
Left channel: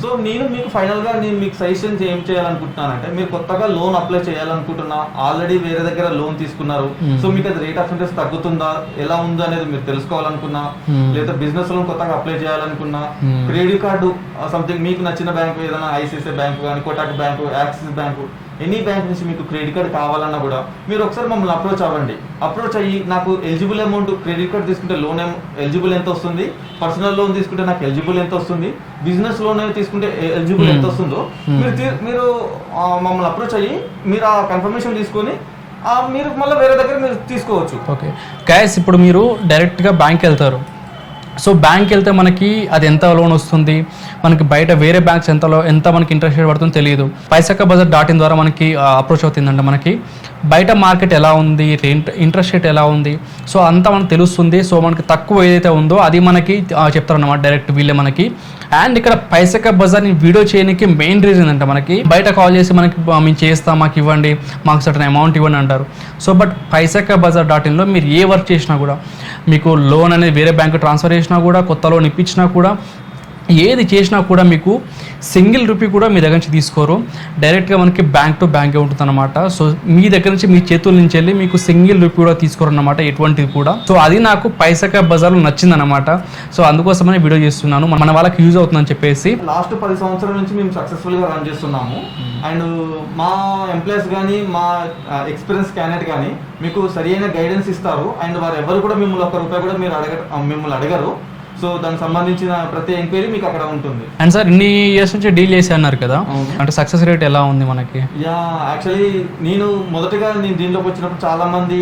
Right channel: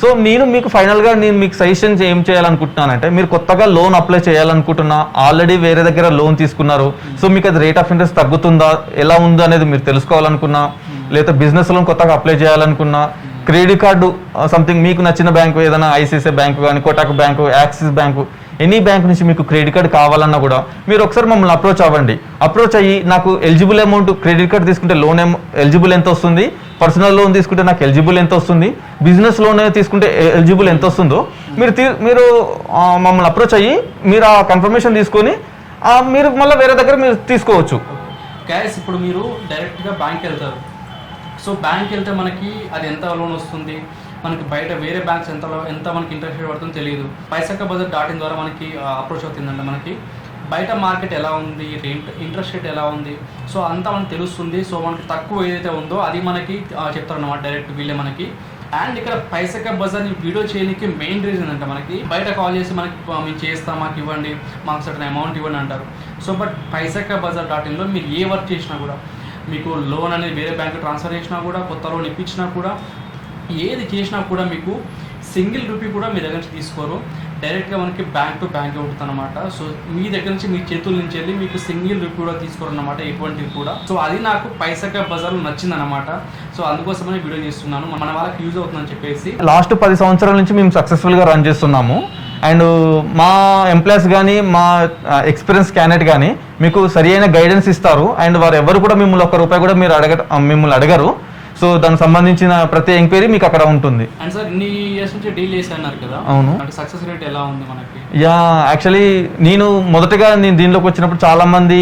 సో నేను మీకు ఫైనల్ గా నేను మీకు సజెషన్స్ ఏం చేయాలనుకుంటున్నానంటే, మీరు కొత్తగా లోన్ అప్లై చేయాలనుకుంటున్నా, ఆల్రెడీ వేరే దగ్గర లోన్ తీసుకున్నారు, సో మీకు అది రేట్ ఆఫ్ ఇంట్రెస్ట్ తగ్గుతుందా ఎలా ఉందో అనేది మీరు తెలుసుకోవాలనుకున్నా, లేదా బిజినెస్ లోన్ కొత్తగా అప్లై చేయాలనుకున్నా, క్రెడిట్ కార్డు సంథింగ్ మీకు నచ్చిన బ్యాంకు ఏదైనా ఐసిఐసిఐ బ్యాంకు కానీ, Kotak bank, axis bank any bank నుంచి మీకు క్రెడిట్ కార్డ్ కావాలన్నా కూడా మీరు ఒకసారి మమ్మల్ని అప్రోచ్ అవ్వండి. అప్రోచ్ అయ్యి నాకు ఎలిజిబుల్ అమౌంట్ క్రెడిట్ కార్డ్ తీసుకుంటే లోన్ ఎలిజిబుల్ ఎంత వస్తుంది, పర్సనల్ లోన్ తీసుకుంటే నాకు ఎలిజిబుల్ ఎంత వస్తుంది, బిజినెస్ లోన్ తీసుకుంటే ఎలిజిబుల్ ఎంత వస్తుందో మీరు మమ్మల్ని అప్రోచ్ అయ్యి మీరు ఆ కన్ఫర్మేషన్ తీసుకొని మీరు మళ్ళీ వేరే దగ్గర మీరు తీసుకోవచ్చు. ఓకే గైస్, ఇప్పుడు మీరు డైరెక్ట్గా బ్యాంక్ వెళ్తారు. సో బ్యాంక్ వెళ్తే మనకి అది ఎంత లోన్ వస్తుంది, మనకి బయట వేరే బ్యాంక్స్ ఎంత మనకి ఇంట్రెస్ట్ రేట్ పడుతుందో తెలియదు. paisakabazar.in ద్వారా మనకి అప్రోచ్ అవుతుందంటే మనకి బయట మార్కెట్ ఎలా ఉంది, ఇంట్రెస్ట్ రేట్ ఎలా ఉంది, సో అంతా మనకు తెలుస్తుంది. సో మనకి తక్కువ ఏదైతే ఉందో అది మనకి చెప్తారన్నమాట డైరెక్ట్ వీళ్ళే మనకి. అండ్ ఇక్కడ పైసకబజార్ని వీడియో చేయడానికి మెయిన్ రీజన్ అంటే మనకి బయట కాల్ చేసి మనకి మేము చేస్తాం, మాకు ఇవ్వండి, మాకు సర్టన్ అమౌంట్ ఇవ్వండి అంటారు. సో బట్ paisakabazar.inలో మీరు ఏ వర్క్ చేసినా కూడా, మీకు లోన్ అనేది వేరే బ్యాంకు ట్రాన్స్ఫర్ చేసినా కూడా, కొత్త లోన్ ఇప్పించినా కూడా, ఏది చేసినా కూడా మీకు సింగిల్ రూపీ కూడా మీ దగ్గర నుంచి తీసుకోరు. డైరెక్ట్గా మనకి బ్యాంక్ టు బ్యాంకే ఉంటుంది అనమాట. సో మీ దగ్గర నుంచి మీ చేతుల నుంచి వెళ్ళి మీకు సింగిల్ రూపీ కూడా తీసుకోరు అనమాట, ఎటువంటిది కూడా. సో అది నాకు పైసకబజార్లో నచ్చింది అనమాట. సో అందుకోసమనే వీడియో చేస్తున్నాను, మన వాళ్ళకి యూజ్ అవుతుందని చెప్పేసి. లాస్ట్ 10 సంవత్సరాల నుంచి మేము సక్సెస్ఫుల్గా రన్ చేస్తున్నాము. అండ్ మా ఎంప్లాయీస్ కానీ మా ఎక్స్పీరియన్స్ క్యాండిడేట్ కానీ మీకు సరి అయిన గైడెన్స్ ఇస్తారు. అండ్ వారు ఎవరు కూడా మిమ్మల్ని ₹1 కూడా మిమ్మల్ని అడగరు. సో దానికి సంబంధించిన ప్రతి ఎంక్వైరీ మీకు అక్కడ ఉంటుంది. అండ్ సార్ ఇన్ని ఇయర్స్ నుంచి డీల్ చేసి అన్నారు కదా, అవును, అంటే సక్సెస్ రేట్ ఎలా ఉంది మనకి? యాక్చువల్లీ నేను దీనిలోకి వచ్చినప్పుడు చాలా మంది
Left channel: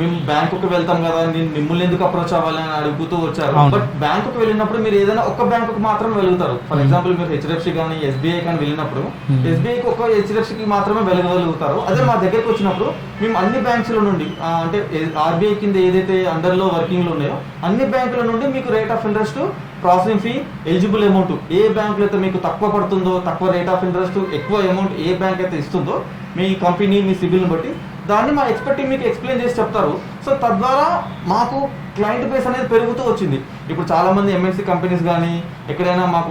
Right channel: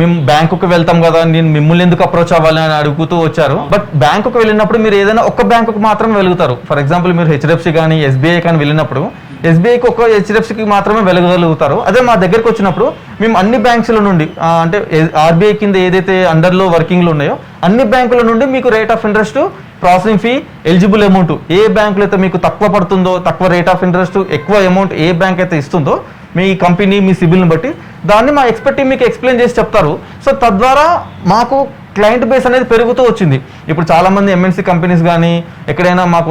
మేము బ్యాంకుకి వెళ్తాం కదా, నేను మిమ్మల్ని ఎందుకు అప్రోచ్ అవ్వాలి అని అడుగుతూ వచ్చారు. బట్ బ్యాంకుకి వెళ్ళినప్పుడు మీరు ఏదైనా ఒక్క బ్యాంకుకి మాత్రమే వెలుగుతారు. ఫర్ ఎగ్జాంబుల్ మీరు హెచ్డిఎఫ్సి కానీ ఎస్బీఐ కానీ వెళ్ళినప్పుడు ఎస్బీఐకి ఒక హెచ్డిఎఫ్సికి మాత్రమే వెలగలుగుతారు. అదే మా దగ్గరికి వచ్చినప్పుడు మేము అన్ని బ్యాంక్స్ల నుండి, అంటే ఆర్బీఐ కింద ఏదైతే అండర్లో వర్కింగ్లు ఉన్నాయో అన్ని బ్యాంకుల నుండి మీకు rate of interest, processing fee, eligible amount ఏ బ్యాంకులో అయితే మీకు తక్కువ పడుతుందో, తక్కువ రేట్ ఆఫ్ ఇంట్రెస్ట్, ఎక్కువ అమౌంట్ ఏ బ్యాంక్ అయితే ఇస్తుందో మీ కంపెనీ మీ సిబిల్ని బట్టి దాన్ని మా ఎక్స్పర్ట్ టీం మీకు ఎక్స్ప్లెయిన్ చేసి చెప్తారు. సో తద్వారా మాకు క్లయింట్ బేస్ అనేది పెరుగుతూ వచ్చింది. ఇప్పుడు చాలా మంది ఎంఎన్సీ కంపెనీస్ కానీ ఎక్కడైనా మాకు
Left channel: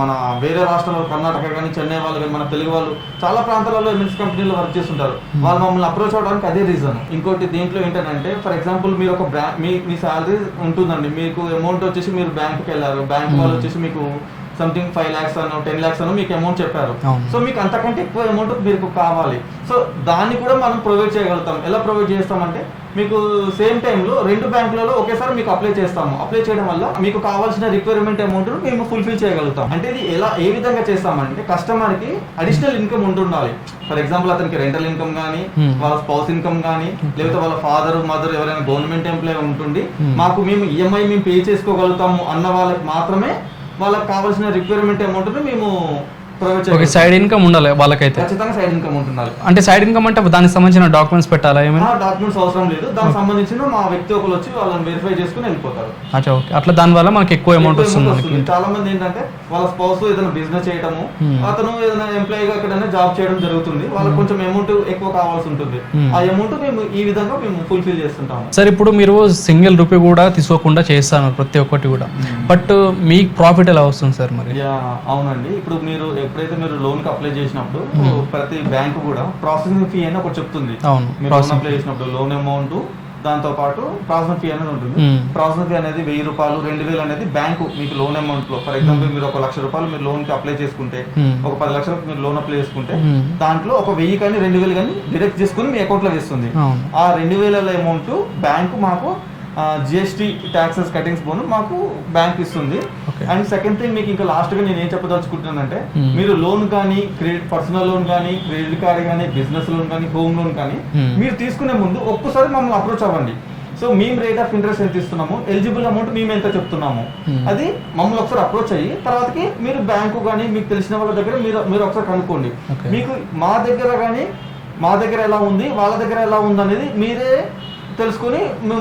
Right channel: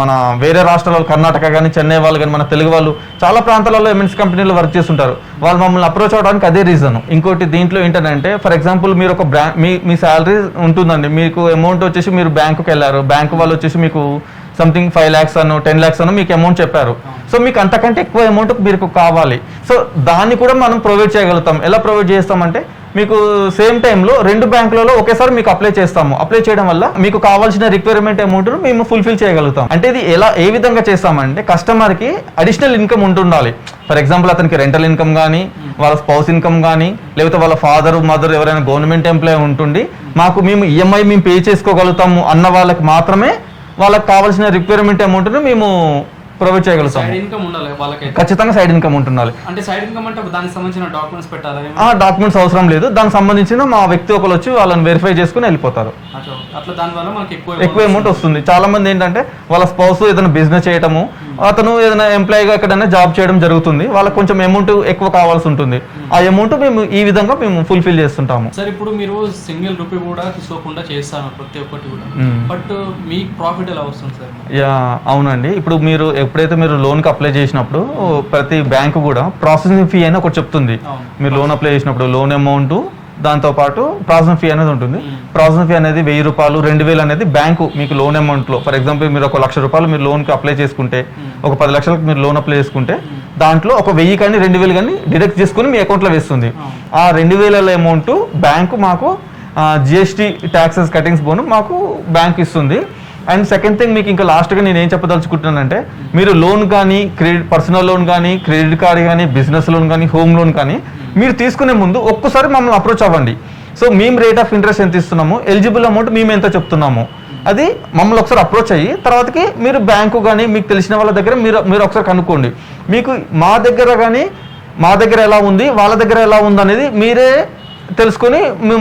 మన వేరే రాష్ట్రాల్లో కర్ణాటక కానీ, చెన్నై వాళ్ళు కానీ, మన తెలుగు వాళ్ళు చాలా ప్రాంతాలలో ఎంఎన్సీ కంపెనీలో వర్క్ చేస్తుంటారు. వాళ్ళు మమ్మల్ని అప్రోచ్ అవడానికి అదే రీజన్. ఇంకోటి దీంట్లో ఏంటంటే ఫర్ ఎగ్జాంపుల్ మీరు ఒక మీ శాలరీ ఉంటుందండి, మీకు అమౌంట్ వచ్చేసి మీరు బ్యాంకుకి వెళ్ళారు, బ్యాంకు వాళ్ళు వచ్చేసి మీకు సంథింగ్ 5 lakhs అను 10 lakhs అను మీకు అమౌంట్ చెప్పారు. సో మీకు అంతకంటే ఎక్కువ అమౌంట్ మీకు కావాలి. సో దాన్ని కూడా మనం ప్రొవైడ్ చేయగలుగుతాం. ఎలా ప్రొవైడ్ చేస్తామంటే మీకు సేమ్ టైంలో 2 బ్యాంకులలో ఒకేసారి మీకు అప్లై చేస్తాము. అప్లై చేయడం వల్ల మీకు కావాల్సిన రిక్వైర్మెంట్ అమౌంట్ మేము ఫుల్ఫిల్ చేయగలుగుతాం. అంటే ఇది ఏ విధంగా చేస్తామంటే కస్టమర్కి అడిషనల్ ఇన్కమ్ ఉంటుండాలి. ఫర్ ఎగ్జాంపుల్ అతనికి రెంటల్ ఇన్కమ్ కానీ, వాళ్ళ స్పౌస్ ఇన్కమ్ కానీ, లేకపోతే వాళ్ళ ఫాదర్ మదర్ ఎవరైనా గవర్నమెంట్ ఎంప్లాయీ ఉంటుంది, మేము ఈఎంఐ మేము పే చేసుకోగలుగుతాము అన్న వాళ్ళకి మాత్రమే వాళ్ళకి కావాల్సిన రిక్వైర్మెంట్ అమౌంట్ను మేము ప్రొవైడ్ చేయగలం. సైడ్ ఇన్కమ్ ఉండాలి వాళ్ళకైతే, ఖచ్చితంగా సైడ్ ఇన్కమ్ ఉండాలి. అంటే సైడ్ ఇన్కమ్ అంటే దానికి సంబంధించిన డాక్యుమెంట్స్ పెట్టాలా? డాక్యుమెంట్స్ అవసరం లేదు. దానికి సంబంధించిన మా వ్యక్తి ఒకరు వచ్చి వాళ్ళని వెరిఫై చేసుకుని వెళ్ళిపోతారు. అట్లా దానివల్ల మనకి ఎక్కువ అమౌంట్ వస్తుంది. చాలా మంది ఏంటంటే వాళ్ళ స్పౌస్ ఏదైనా బిజినెస్ చేయడము, అతను ఏదైనా ఎంప్లాయీగా ఎక్కడైనా జాబ్ చేయడం జరుగుతుంది, వాళ్ళకి కొంచెం అమౌంట్ ఎక్కువ కావాల్సి ఉంటుంది. ఆ అమౌంట్ మేము ఈ విధంగా మేము ఫుల్ఫిల్ చేస్తుంటాము. సార్ ఇప్పుడు మీరు సింగిల్ రూపీ కూడా తీసుకోకుండా చేస్తాను ప్రతి ఒక్కటి కూడా, బట్ మీకు ప్రాఫిట్ ఎలా వస్తుంది సార్ మరి? అవునండి, ఇప్పుడు ఎప్పుడైతే మీరు లోన్ కి అప్లై చేసినప్పుడు ప్రతి బ్యాంకు కూడా ప్రాసెసింగ్ ఫీ అని ఒకటి చెప్తుంది. మీరు లోన్ అప్లై చేసినప్పుడు లోన్ అమౌంట్ దాంతో పాటు ప్రాసెసింగ్ ఫీ అనేది ఉంటుంది. ప్రాసెసింగ్ ఫీ అనేది ₹1000, ₹2000 అనేది బ్యాంకు మీకు లోన్ అమౌంట్ లో, ఫర్ ఎగ్జాంపుల్ మీరు ఒక ₹1,00,000 మీరు లోన్ కి అప్లై చేసుకుంటే, ఒక 10 లక్షలకు మీరు లోన్ అప్లై చేసుకుంటే దాంట్లో ఒక 1000 కానీ 2000 కానీ డిడక్ట్ చేసుకుని మీ అకౌంట్ లో వేస్తుంది. ఆ 2000 అమౌంట్ బ్యాంకు మాకు జిఎస్టీ ట్యాక్సెస్ కటింగ్స్ పోను మాకు బ్యాంక్ ఇస్తుంది. అండ్ సెకండ్ థింగ్ మీకు ఇంకా లాస్ట్ గా నేను ఏం చెప్పదలుచుకుంటున్నానంటే, మీరు లోన్ కానీ, పర్సనల్ లోన్ కానీ, క్రెడిట్ కార్డ్ కానీ, బిజినెస్ లోన్ కానీ, హోమ్ లోన్ కానీ మీరు తీసుకునే ముందు ఒక్కసారి మమ్మల్ని అప్రోచ్ అవ్వండి. సో మేము రేట్ ఆఫ్ ఇంట్రెస్ట్ ఎంత ఇస్తున్నాము, ఎలిజిబుల్ అమౌంట్ మేము ఎంత చెప్తున్నాము, అది మమ్మల్ని ఒకసారి అప్రోచ్ అయ్యి తర్వాతకి మీరు బ్యాంకు కానీ మీకు తెలిసిన వాళ్ళ దగ్గర మీరు ఒకసారి కనుక్కోండి. మీకు మా దగ్గర ఎలా ఉంది, వాళ్ళ దగ్గర ఎలా ఉంది అనేది మీరే తెలుసుకొని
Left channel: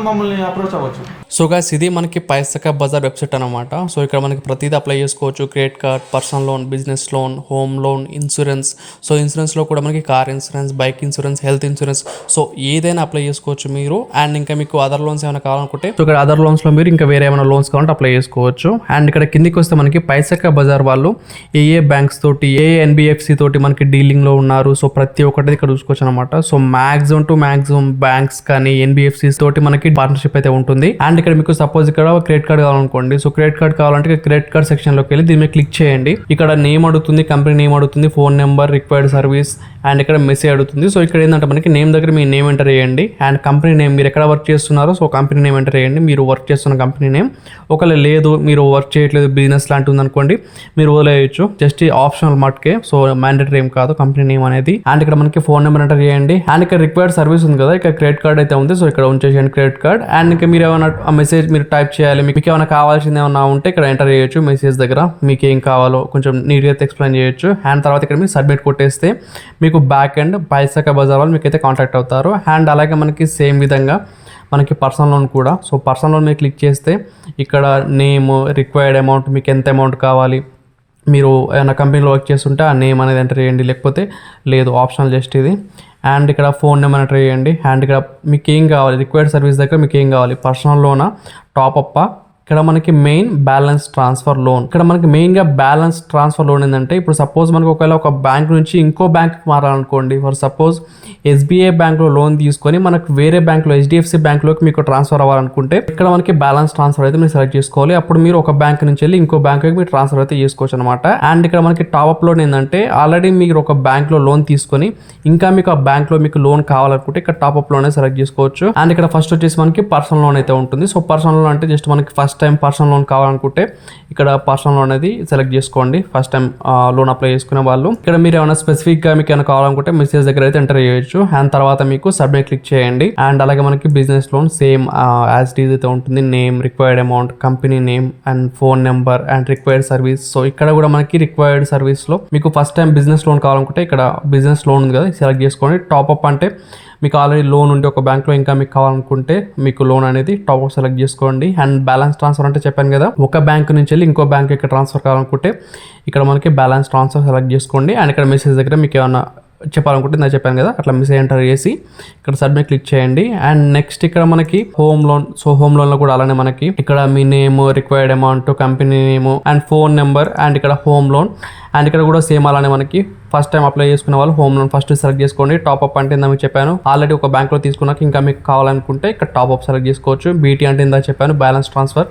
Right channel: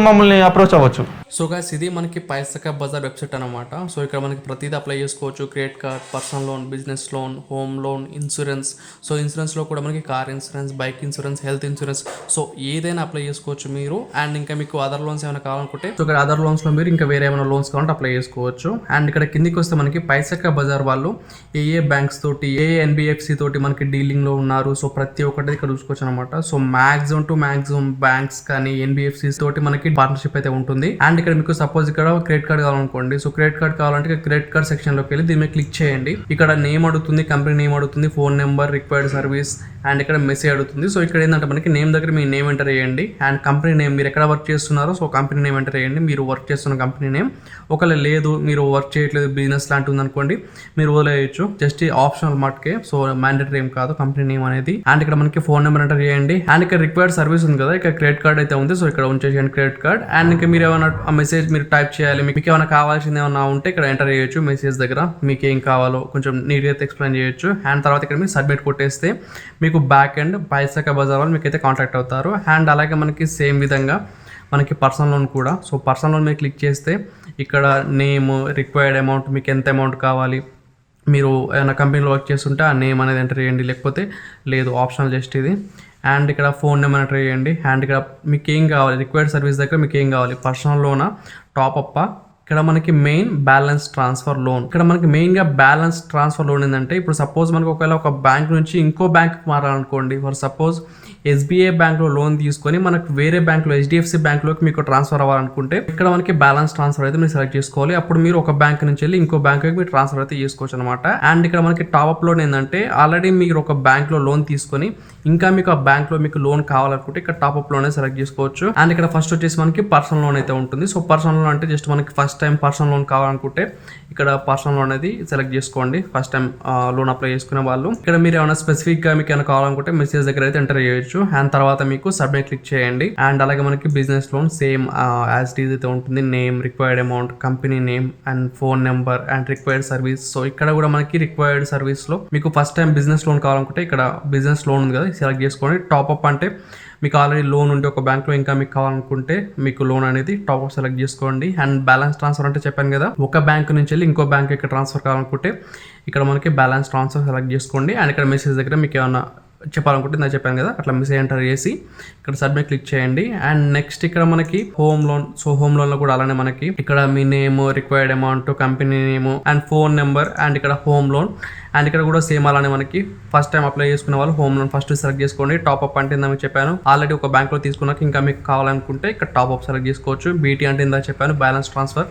మమ్మల్ని అప్రోచ్ అవ్వచ్చు. సో గైస్, ఇది మనకి పైసకబజార్ వెబ్సైట్ అనమాట. సో ఇక్కడ మనకి ప్రతిదీ అప్లై చేసుకోవచ్చు. Credit card, personal loan, business loan, home loan, insurance. So ఇన్సూరెన్స్లో కూడా మనకి car insurance, bike insurance, health insurance, so ఏదైనా అప్లై చేసుకోవచ్చు మీరు. అండ్ ఇంకా మీకు అదర్ లోన్స్ ఏమైనా కావాలనుకుంటే సో ఇక్కడ అదర్ లోన్స్లో మీరు ఇంకా వేరే ఏమైనా లోన్స్ కావాలంటే అప్లై చేసుకోవచ్చు. అండ్ ఇక్కడ కిందికి వస్తే మనకి పైసకబజార్ వాళ్ళు ఏ బ్యాంక్స్ తోటి, ఎన్బిఎఫ్సి తోటి మనకి డీలింగ్లో ఉన్నారు. సో ప్రతి ఒక్కటి ఇక్కడ చూసుకోవచ్చు అనమాట. సో మ్యాక్సిమం బ్యాంక్స్ కానీ ఎన్బిఎఫ్సి తోటి మనకి పార్ట్నర్షిప్ అయితే ఉంటుంది. అండ్ అండ్ ఇక్కడ మీకు సపోజ్ ఇక్కడ క్రెడిట్ కార్డ్ కావాలనుకోండి. సో క్రెడిట్ కార్డ్ కావాలంటే క్రెడిట్ కార్డ్ సెక్షన్లోకి వెళ్ళి దీని మీద క్లిక్ చేయండి. ఇక్కడ నేమ్ అడుగుతుంది, కంపెనీ నేమ్ అడుగుతుంది, phone number, required service and ఇక్కడ మెసేజ్ అడుగుతుంది. సో ఇక్కడ ఏంటంటే మనకి నేమ్ దగ్గర మీ నేమ్ ఎంటర్ చేయండి అండ్ కంపెనీ నేమ్, మీరు ఎక్కడ వర్క్ చేస్తున్నారో సో కంపెనీ నేమ్ ఎంటర్ చేయండి, మీరు వర్క్ చేస్తున్న కంపెనీ నేమ్. ఒకవేళ లేదు మీరు వర్క్ చేయట్లేదు బిజినెస్ లాంటి ఉంది అనుకోండి, మీరు వదిలేయచ్చు, జస్ట్ ఆప్షనల్ మట్కే, సో మ్యాండేటరీ ఏం కాదు కంపెనీ నేమ్ అనేది. అండ్ ఇక్కడ మనకి ఫోన్ నెంబర్ ఎంటర్ చేయండి అండ్ ఇక్కడ రిక్వైర్డ్ సర్వీస్ ఉంది కదా, ఇక్కడ క్రెడిట్ కార్డ్ అయితే ఉంది, సో ఇక్కడ ఉంచేసేయండి క్రెడిట్ కార్డ్. అండ్ ఇంకా మీరు ఏమైనా ఆ మెసేజ్ మీరు టైప్ చేయాలి, మీకు ఏమైనా కావాల్సింది ఏమైనా ఉంటే ఇక్కడ ఎంటర్ చేయొచ్చు మెసేజ్ దగ్గర, మీకు ఏం కావాలో కొంచెం నీట్గా అయితే ఎక్స్ప్లెయిన్ చేయొచ్చు. అండ్ తర్వాత ఇక్కడ మీరు సబ్మిట్ కొట్టేస్తే మీకు బ్యాక్ ఎండ్ పైసాకా బజార్ వాళ్ళు మీకైతే కాంటాక్ట్ అవుతారు. అండ్ అలాగే మనకి సేమ్ విధంగా మనకి పర్సనల్ లోన్ కూడా, సో పర్సనల్ లోన్ మీరు క్లిక్ చేస్తే ఇక్కడ నేమ్, రిక్వైర్డ్ అమౌంట్, మీకు ఎంత అమౌంట్ కావాలి, మీరు ఏమైనా కంపెనీలో వర్క్ చేస్తుంటే ఆ నేమ్ అనేది ఎంటర్ చేయండి, లేకపోతే లేదు ఆప్షనల్ జస్ట్ ఇది. అండ్ ఇక్కడ ఫోన్ నెంబర్ ఎంటర్ చేయండి. అండ్ ఇక్కడ మీకు ఏం కావాలి, రిక్వైర్డ్ సర్వీస్ దగ్గర మీకు ఏం కావాలి, పర్సనల్ లోనా, టాప్అప్. ఇక్కడ మనకి మెయిన్ బ్యాలెన్స్ ట్రాన్స్ఫర్ లోన్. ఇక్కడ మనకి మెయిన్గా బ్యాలెన్స్ ట్రాన్స్ఫర్ లోన్ ఏంటంటే ఇప్పుడు సపోజ్ మనకి ఒకవేళ ఒక బ్యాంక్ నుంచి ఇంకో బ్యాంక్కి మారాలనుకోండి, ఫర్ సపోజ్ ఎస్బీఐ బ్యాంక్లో లోన్ తీసుకొని మనకు వేరే బ్యాంక్లో హెచ్డిఎఫ్సి బ్యాంక్లోకి మీకు ట్రాన్స్ఫర్ అవ్వాలనుకుంటే ఇక్కడ మనకి బ్యాలెన్స్ ట్రాన్స్ఫర్ అయితే మీరు సెలెక్ట్ చేసుకోవాలి. అప్పుడు మీరు ఒక బ్యాంక్ నుంచి వెళ్ళి ఇంకో బ్యాంక్కి మీరు ట్రాన్స్ఫర్ అయితే చేసుకోవచ్చు అనమాట. అండ్ ఇక్కడ మనకి టాప్అప్ లోన్ ఏంటంటే ఆల్రెడీ మీరు ఒక బ్యాంక్లో లోన్ తీసుకొని ఇంకా మీకు ఆ బ్యాంక్లో మీకు లోన్ కావాలనుకుంటే ఇక్కడ టాప్అప్ లోనే సెలెక్ట్ చేసుకోవచ్చు. అండ్ ఇక్కడ ఫస్ట్ వచ్చేసి మనకి పర్సనల్ లోన్ అయితే ఉంటుంది. సో పర్సనల్ లోన్ అంటే జస్ట్ మనకి ఫస్ట్ టైం పర్సనల్ లోన్ కావాలనుకుంటే ఇక్కడ పర్సనల్ లోన్ అనేది సెలెక్ట్ చేసుకోండి, ఫస్ట్ టైం లోన్ అప్లై చేసుకునే వాళ్ళు. ఇక్కడ మీరు ఏమైనా స్పెసిఫిక్గా మీకు ఏమైనా కావాలనుకుంటే మెసేజ్ దగ్గర అయితే ఎంటర్ చేయొచ్చు. అండ్ తర్వాత మీకు సబ్మిట్ క్లిక్ చేయండి. అండ్ అలాగే మనకి business loan same as it is అయితే ఉంటుంది, name, required amount, company name and phone number and required service. So ఇక్కడ కూడా మనకి రిక్వైర్డ్ సర్వీస్ లో మీకు ఫస్ట్ టైం బిజినెస్ లోన్ కావాలనుకుంటే ఇక్కడ బిజినెస్ లోన్ ఉంది కదా సెలెక్ట్ చేసుకోండి. టాప్అప్ అంటే మీకు ఆల్రెడీ లోన్ ఉంటే ఒక బ్యాంక్లో ఇంకా మీకు కావాలనుకుంటే మీకు లోన్ అనేది టాప్అప్ సెలెక్ట్ చేసుకోండి. అండ్ బ్యాలెన్స్ ట్రాన్స్ఫర్ అంటే చెప్పాను కదా, ఒక బ్యాంక్ నుంచి వెళ్ళి ఇంకో బ్యాంక్ ఇక్కడ ట్రాన్స్ఫర్ కావాలనుకుంటే ఇక్కడ మనకి బ్యాలెన్స్ ట్రాన్స్ఫర్ సెలెక్ట్ చేసుకోండి. అండ్ ఇక్కడ మెసేజ్ దగ్గర మీకు ఏమైనా చెప్పాలనుకుంటే నేను చెప్పాను కదా అట్లా మెసేజ్ ఎంటర్ చేసి ఇక్కడ సబ్మిట్ క్లిక్ చేయండి. అండ్ నెక్స్ట్ ఇక్కడ మనకి home loan. So home loan లో కూడా అలానే మనకి ఇక్కడ మీ name, required amount, company name and phone number and ఇక్కడ హోమ్ లోన్. అండ్ ఇక్కడ కూడా సేమ్ అలానే మనకి ఫస్ట్ టైం అప్లై చేసుకునే వాళ్ళు హోమ్ లోన్ ఫస్ట్ సెలెక్ట్ చేసుకోండి. టాప్అప్ అంటే ఇందా మీకు చెప్పాను ఆల్రెడీ ఒక బ్యాంక్లో తీసుకున్నాక ఇంకా మీకు కావాలనుకుంటే ఇక్కడ టాప్అప్ సెలెక్ట్ చేసుకోవచ్చు. బీటీ అంటే ఇందా చెప్పాను బ్యాలెన్స్ ట్రాన్స్ఫర్,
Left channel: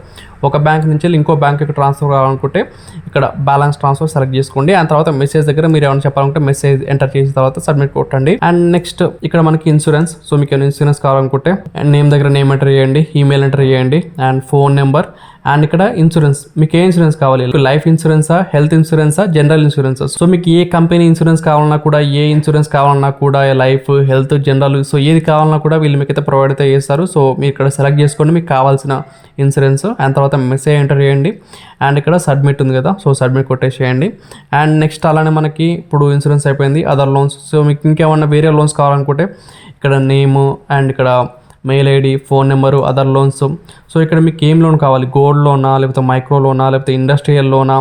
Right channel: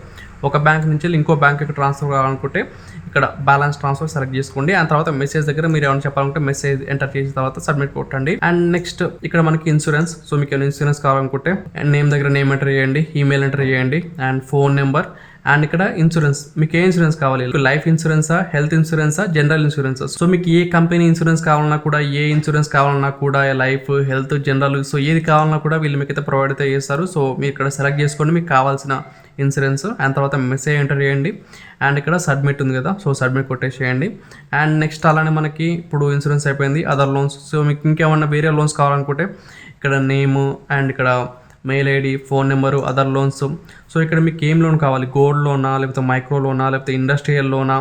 ఒక బ్యాంక్ నుంచి ఇంకో బ్యాంక్కి ట్రాన్స్ఫర్ కావాలనుకుంటే ఇక్కడ బ్యాలెన్స్ ట్రాన్స్ఫర్ సెలెక్ట్ చేసుకోండి. అండ్ తర్వాత మెసేజ్ దగ్గర మీరు ఏమైనా చెప్పాలంటే మెసేజ్ ఎంటర్ చేసిన తర్వాత సబ్మిట్ కొట్టండి. అండ్ నెక్స్ట్ ఇక్కడ మనకి ఇన్సూరెన్స్. సో మీకు ఏమైనా ఇన్సూరెన్స్ కావాలనుకుంటే నేమ్ దగ్గర నేమ్ ఎంటర్ చేయండి, ఈమెయిల్ ఎంటర్ చేయండి అండ్ ఫోన్ నెంబర్. అండ్ ఇక్కడ ఇన్సూరెన్స్, మీకు ఏ ఇన్సూరెన్స్ కావాలి, లైఫ్ ఇన్సూరెన్సా, హెల్త్ ఇన్సూరెన్సా, జనరల్ ఇన్సూరెన్సా. సో మీకు ఏ కంపెనీ ఇన్సూరెన్స్ కావాలన్నా కూడా, ఏ ఇన్సూరెన్స్ కావాలన్నా కూడా, లైఫ్, హెల్త్, జనరల్, సో ఏది కావాలన్నా కూడా వీళ్ళు మీకు అయితే ప్రొవైడ్ అయితే చేస్తారు. సో మీరు ఇక్కడ సెలెక్ట్ చేసుకోండి మీకు కావాల్సిన ఇన్సూరెన్స్. అండ్ తర్వాత మెసేజ్ ఎంటర్ చేయండి. అండ్ ఇక్కడ సబ్మిట్ ఉంది కదా, సో సబ్మిట్ కొట్టేసేయండి. అండ్ నెక్స్ట్ అలానే మనకి ఇప్పుడు ఇన్సూరెన్స్ అయిపోయింది, అదర్ లోన్స్. సో మీకు ఇంకేమన్నా వేరే లోన్స్ కావాలనుకుంటే ఇక్కడ నేము అండ్ ఇక్కడ mail ID, phone number, other loans. So ఇక్కడ మీకు ఏం లోన్ కావాలి, గోల్డ్ లోనా, లేకపోతే మైక్రో లోనా, లేకపోతే ఇండస్ట్రియల్ లోనా,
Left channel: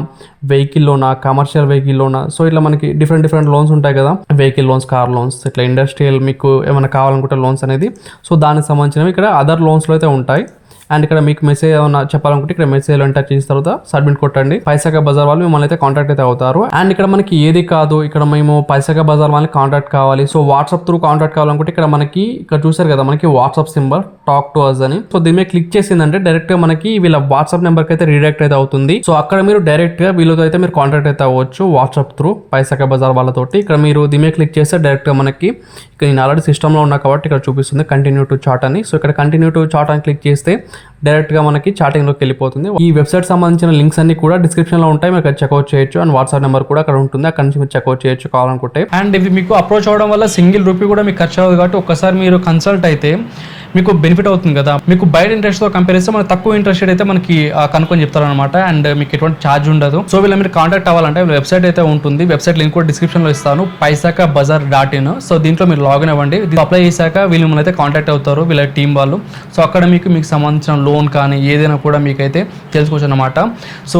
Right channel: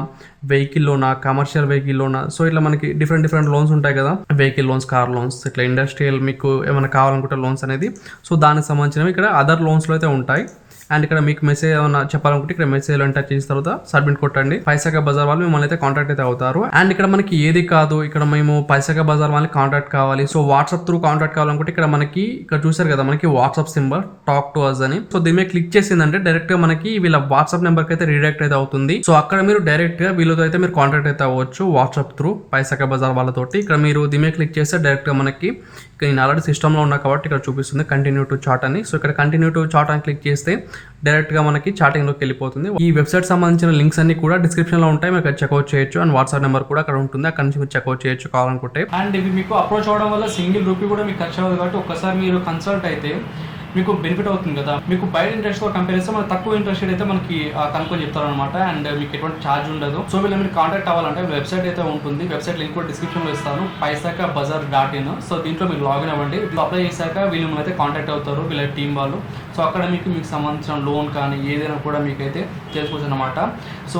వెహికల్ లోనా, కమర్షియల్ వెహికల్ లోనా. సో ఇట్లా మనకి డిఫరెంట్ లోన్స్ ఉంటాయి కదా, వెహికల్ లోన్స్, కార్ లోన్స్, ఇట్లా ఇండస్ట్రియల్ మీకు ఏమైనా కావాలనుకుంటే లోన్స్ అనేది. సో దానికి సంబంధించినవి ఇక్కడ అదర్ లోన్స్లో అయితే ఉంటాయి. అండ్ ఇక్కడ మీకు మెసేజ్ ఏమైనా చెప్పాలనుకుంటే ఇక్కడ మెసేజ్ ఎంటర్ చేసిన తర్వాత సబ్మిట్ కొట్టండి. పైసాకా బజార్ వాళ్ళు మిమ్మల్ని అయితే కాంటాక్ట్ అయితే అవుతారు. అండ్ ఇక్కడ మనకి ఏది కాదు, ఇక్కడ మేము పైసాకా బజార్ వాళ్ళని కాంటాక్ట్ కావాలి, సో వాట్సాప్ త్రూ కాంటాక్ట్ కావాలనుకుంటే ఇక్కడ మనకి ఇక్కడ చూసారు కదా మనకి WhatsApp symbol talk to us అని. సో దీని మీద క్లిక్ చేసిందంటే డైరెక్ట్ గా మనకి వీళ్ళ వాట్సాప్ నెంబర్కి అయితే రీడైరెక్ట్ అయితే అవుతుంది. సో అక్కడ మీరు డైరెక్ట్ గా వీళ్ళతో అయితే మీరు కాంటాక్ట్ అయితే అవ్వచ్చు వాట్సాప్ త్రూ పైసాకా బజార్ వాళ్ళతోటి. ఇక్కడ మీరు దీని మీద క్లిక్ చేస్తే డైరెక్ట్ గా మనకి ఇక్కడ నేను ఆల్రెడీ సిస్టంలో ఉన్నా కాబట్టి ఇక్కడ చూపిస్తుంది కంటిన్యూ టు చాట్ అని. సో ఇక్కడ కంటిన్యూ టు చాట్ అని క్లిక్ చేస్తే డైరెక్ట్గా మనకి చాటింగ్లోకి వెళ్ళిపోతుంది. ఈ వెబ్సైట్ సంబంధించిన లింక్స్ అన్ని కూడా డిస్క్రిప్షన్లో ఉంటాయి, మీరు అక్కడ చెక్అవుట్ చేయొచ్చు. అండ్ వాట్సాప్ నెంబర్ కూడా అక్కడ ఉంటుంది, అక్కడ నుంచి మీరు చెక్అవుట్ చేయొచ్చు కావాలనుకుంటే. అండ్ ఇవి మీకు అప్రోచ్ అవ్వడం వల్ల సింగిల్ రూపీ కూడా మీకు ఖర్చు అవ్వదు కాబట్టి ఒక్కసారి మీరు కన్సల్ట్ అయితే మీకు బెనిఫిట్ అవుతుంది కదా. మీకు బయట ఇంట్రెస్ట్తో కంపేర్ చేస్తే మనకు తక్కువ ఇంట్రెస్ట్ అయితే మనకి కనుక్కొని చెప్తారు అనమాట. అండ్ మీకు ఎటువంటి ఛార్జ్ ఉండదు. సో వీళ్ళ మీరు కాంటాక్ట్ అవ్వాలంటే వెబ్సైట్ అయితే ఉంటుంది, వెబ్సైట్ లింక్ కూడా డిస్క్రిప్షన్లో ఇస్తాను, paisakabazar.in. సో దీంట్లో మీరు లాగిన్ అవ్వండి. అప్లై చేశాక వీళ్ళు మిమ్మల్ని అయితే కాంటాక్ట్ అవుతారు వీళ్ళ టీం వాళ్ళు. సో అక్కడ మీకు సంబంధించిన లోన్ కానీ ఏదైనా కూడా మీకైతే తెలుసుకోవచ్చు అనమాట. So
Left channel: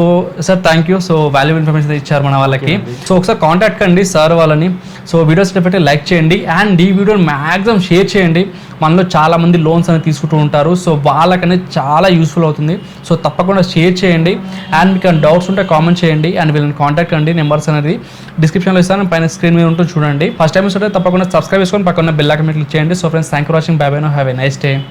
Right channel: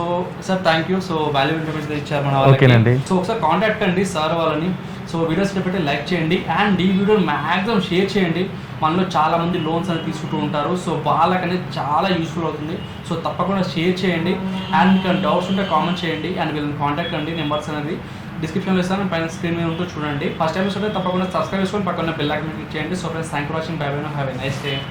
sir thank you. So valuable information ఇచ్చారు మన వాళ్ళకి. సో ఒకసారి కాంటాక్ట్ కండి సార్ వాళ్ళని. సో వీడియోస్ పెట్టి లైక్ చేయండి అండ్ ఈ వీడియోని మ్యాక్సిమం షేర్ చేయండి. మనలో చాలా మంది లోన్స్ అనేది తీసుకుంటూ ఉంటారు, సో వాళ్ళకనేది చాలా యూస్ఫుల్ అవుతుంది. సో తప్పకుండా షేర్ చేయండి అండ్ మీకు డౌట్స్ ఉంటే కామెంట్ చేయండి అండ్ వీళ్ళని కాంటాక్ట్ అండి. నెంబర్స్ అనేది డిస్క్రిప్షన్లో ఇస్తాను, పైన స్క్రీన్ మీద ఉంటుంది చూడండి. ఫస్ట్ టైం వస్తే తప్పకుండా సబ్స్క్రైబ్ చేసుకొని పక్కన బెల్ ఐకాన్ క్లిక్ చేయండి. So friends thank you for watching. By by, have a nice day.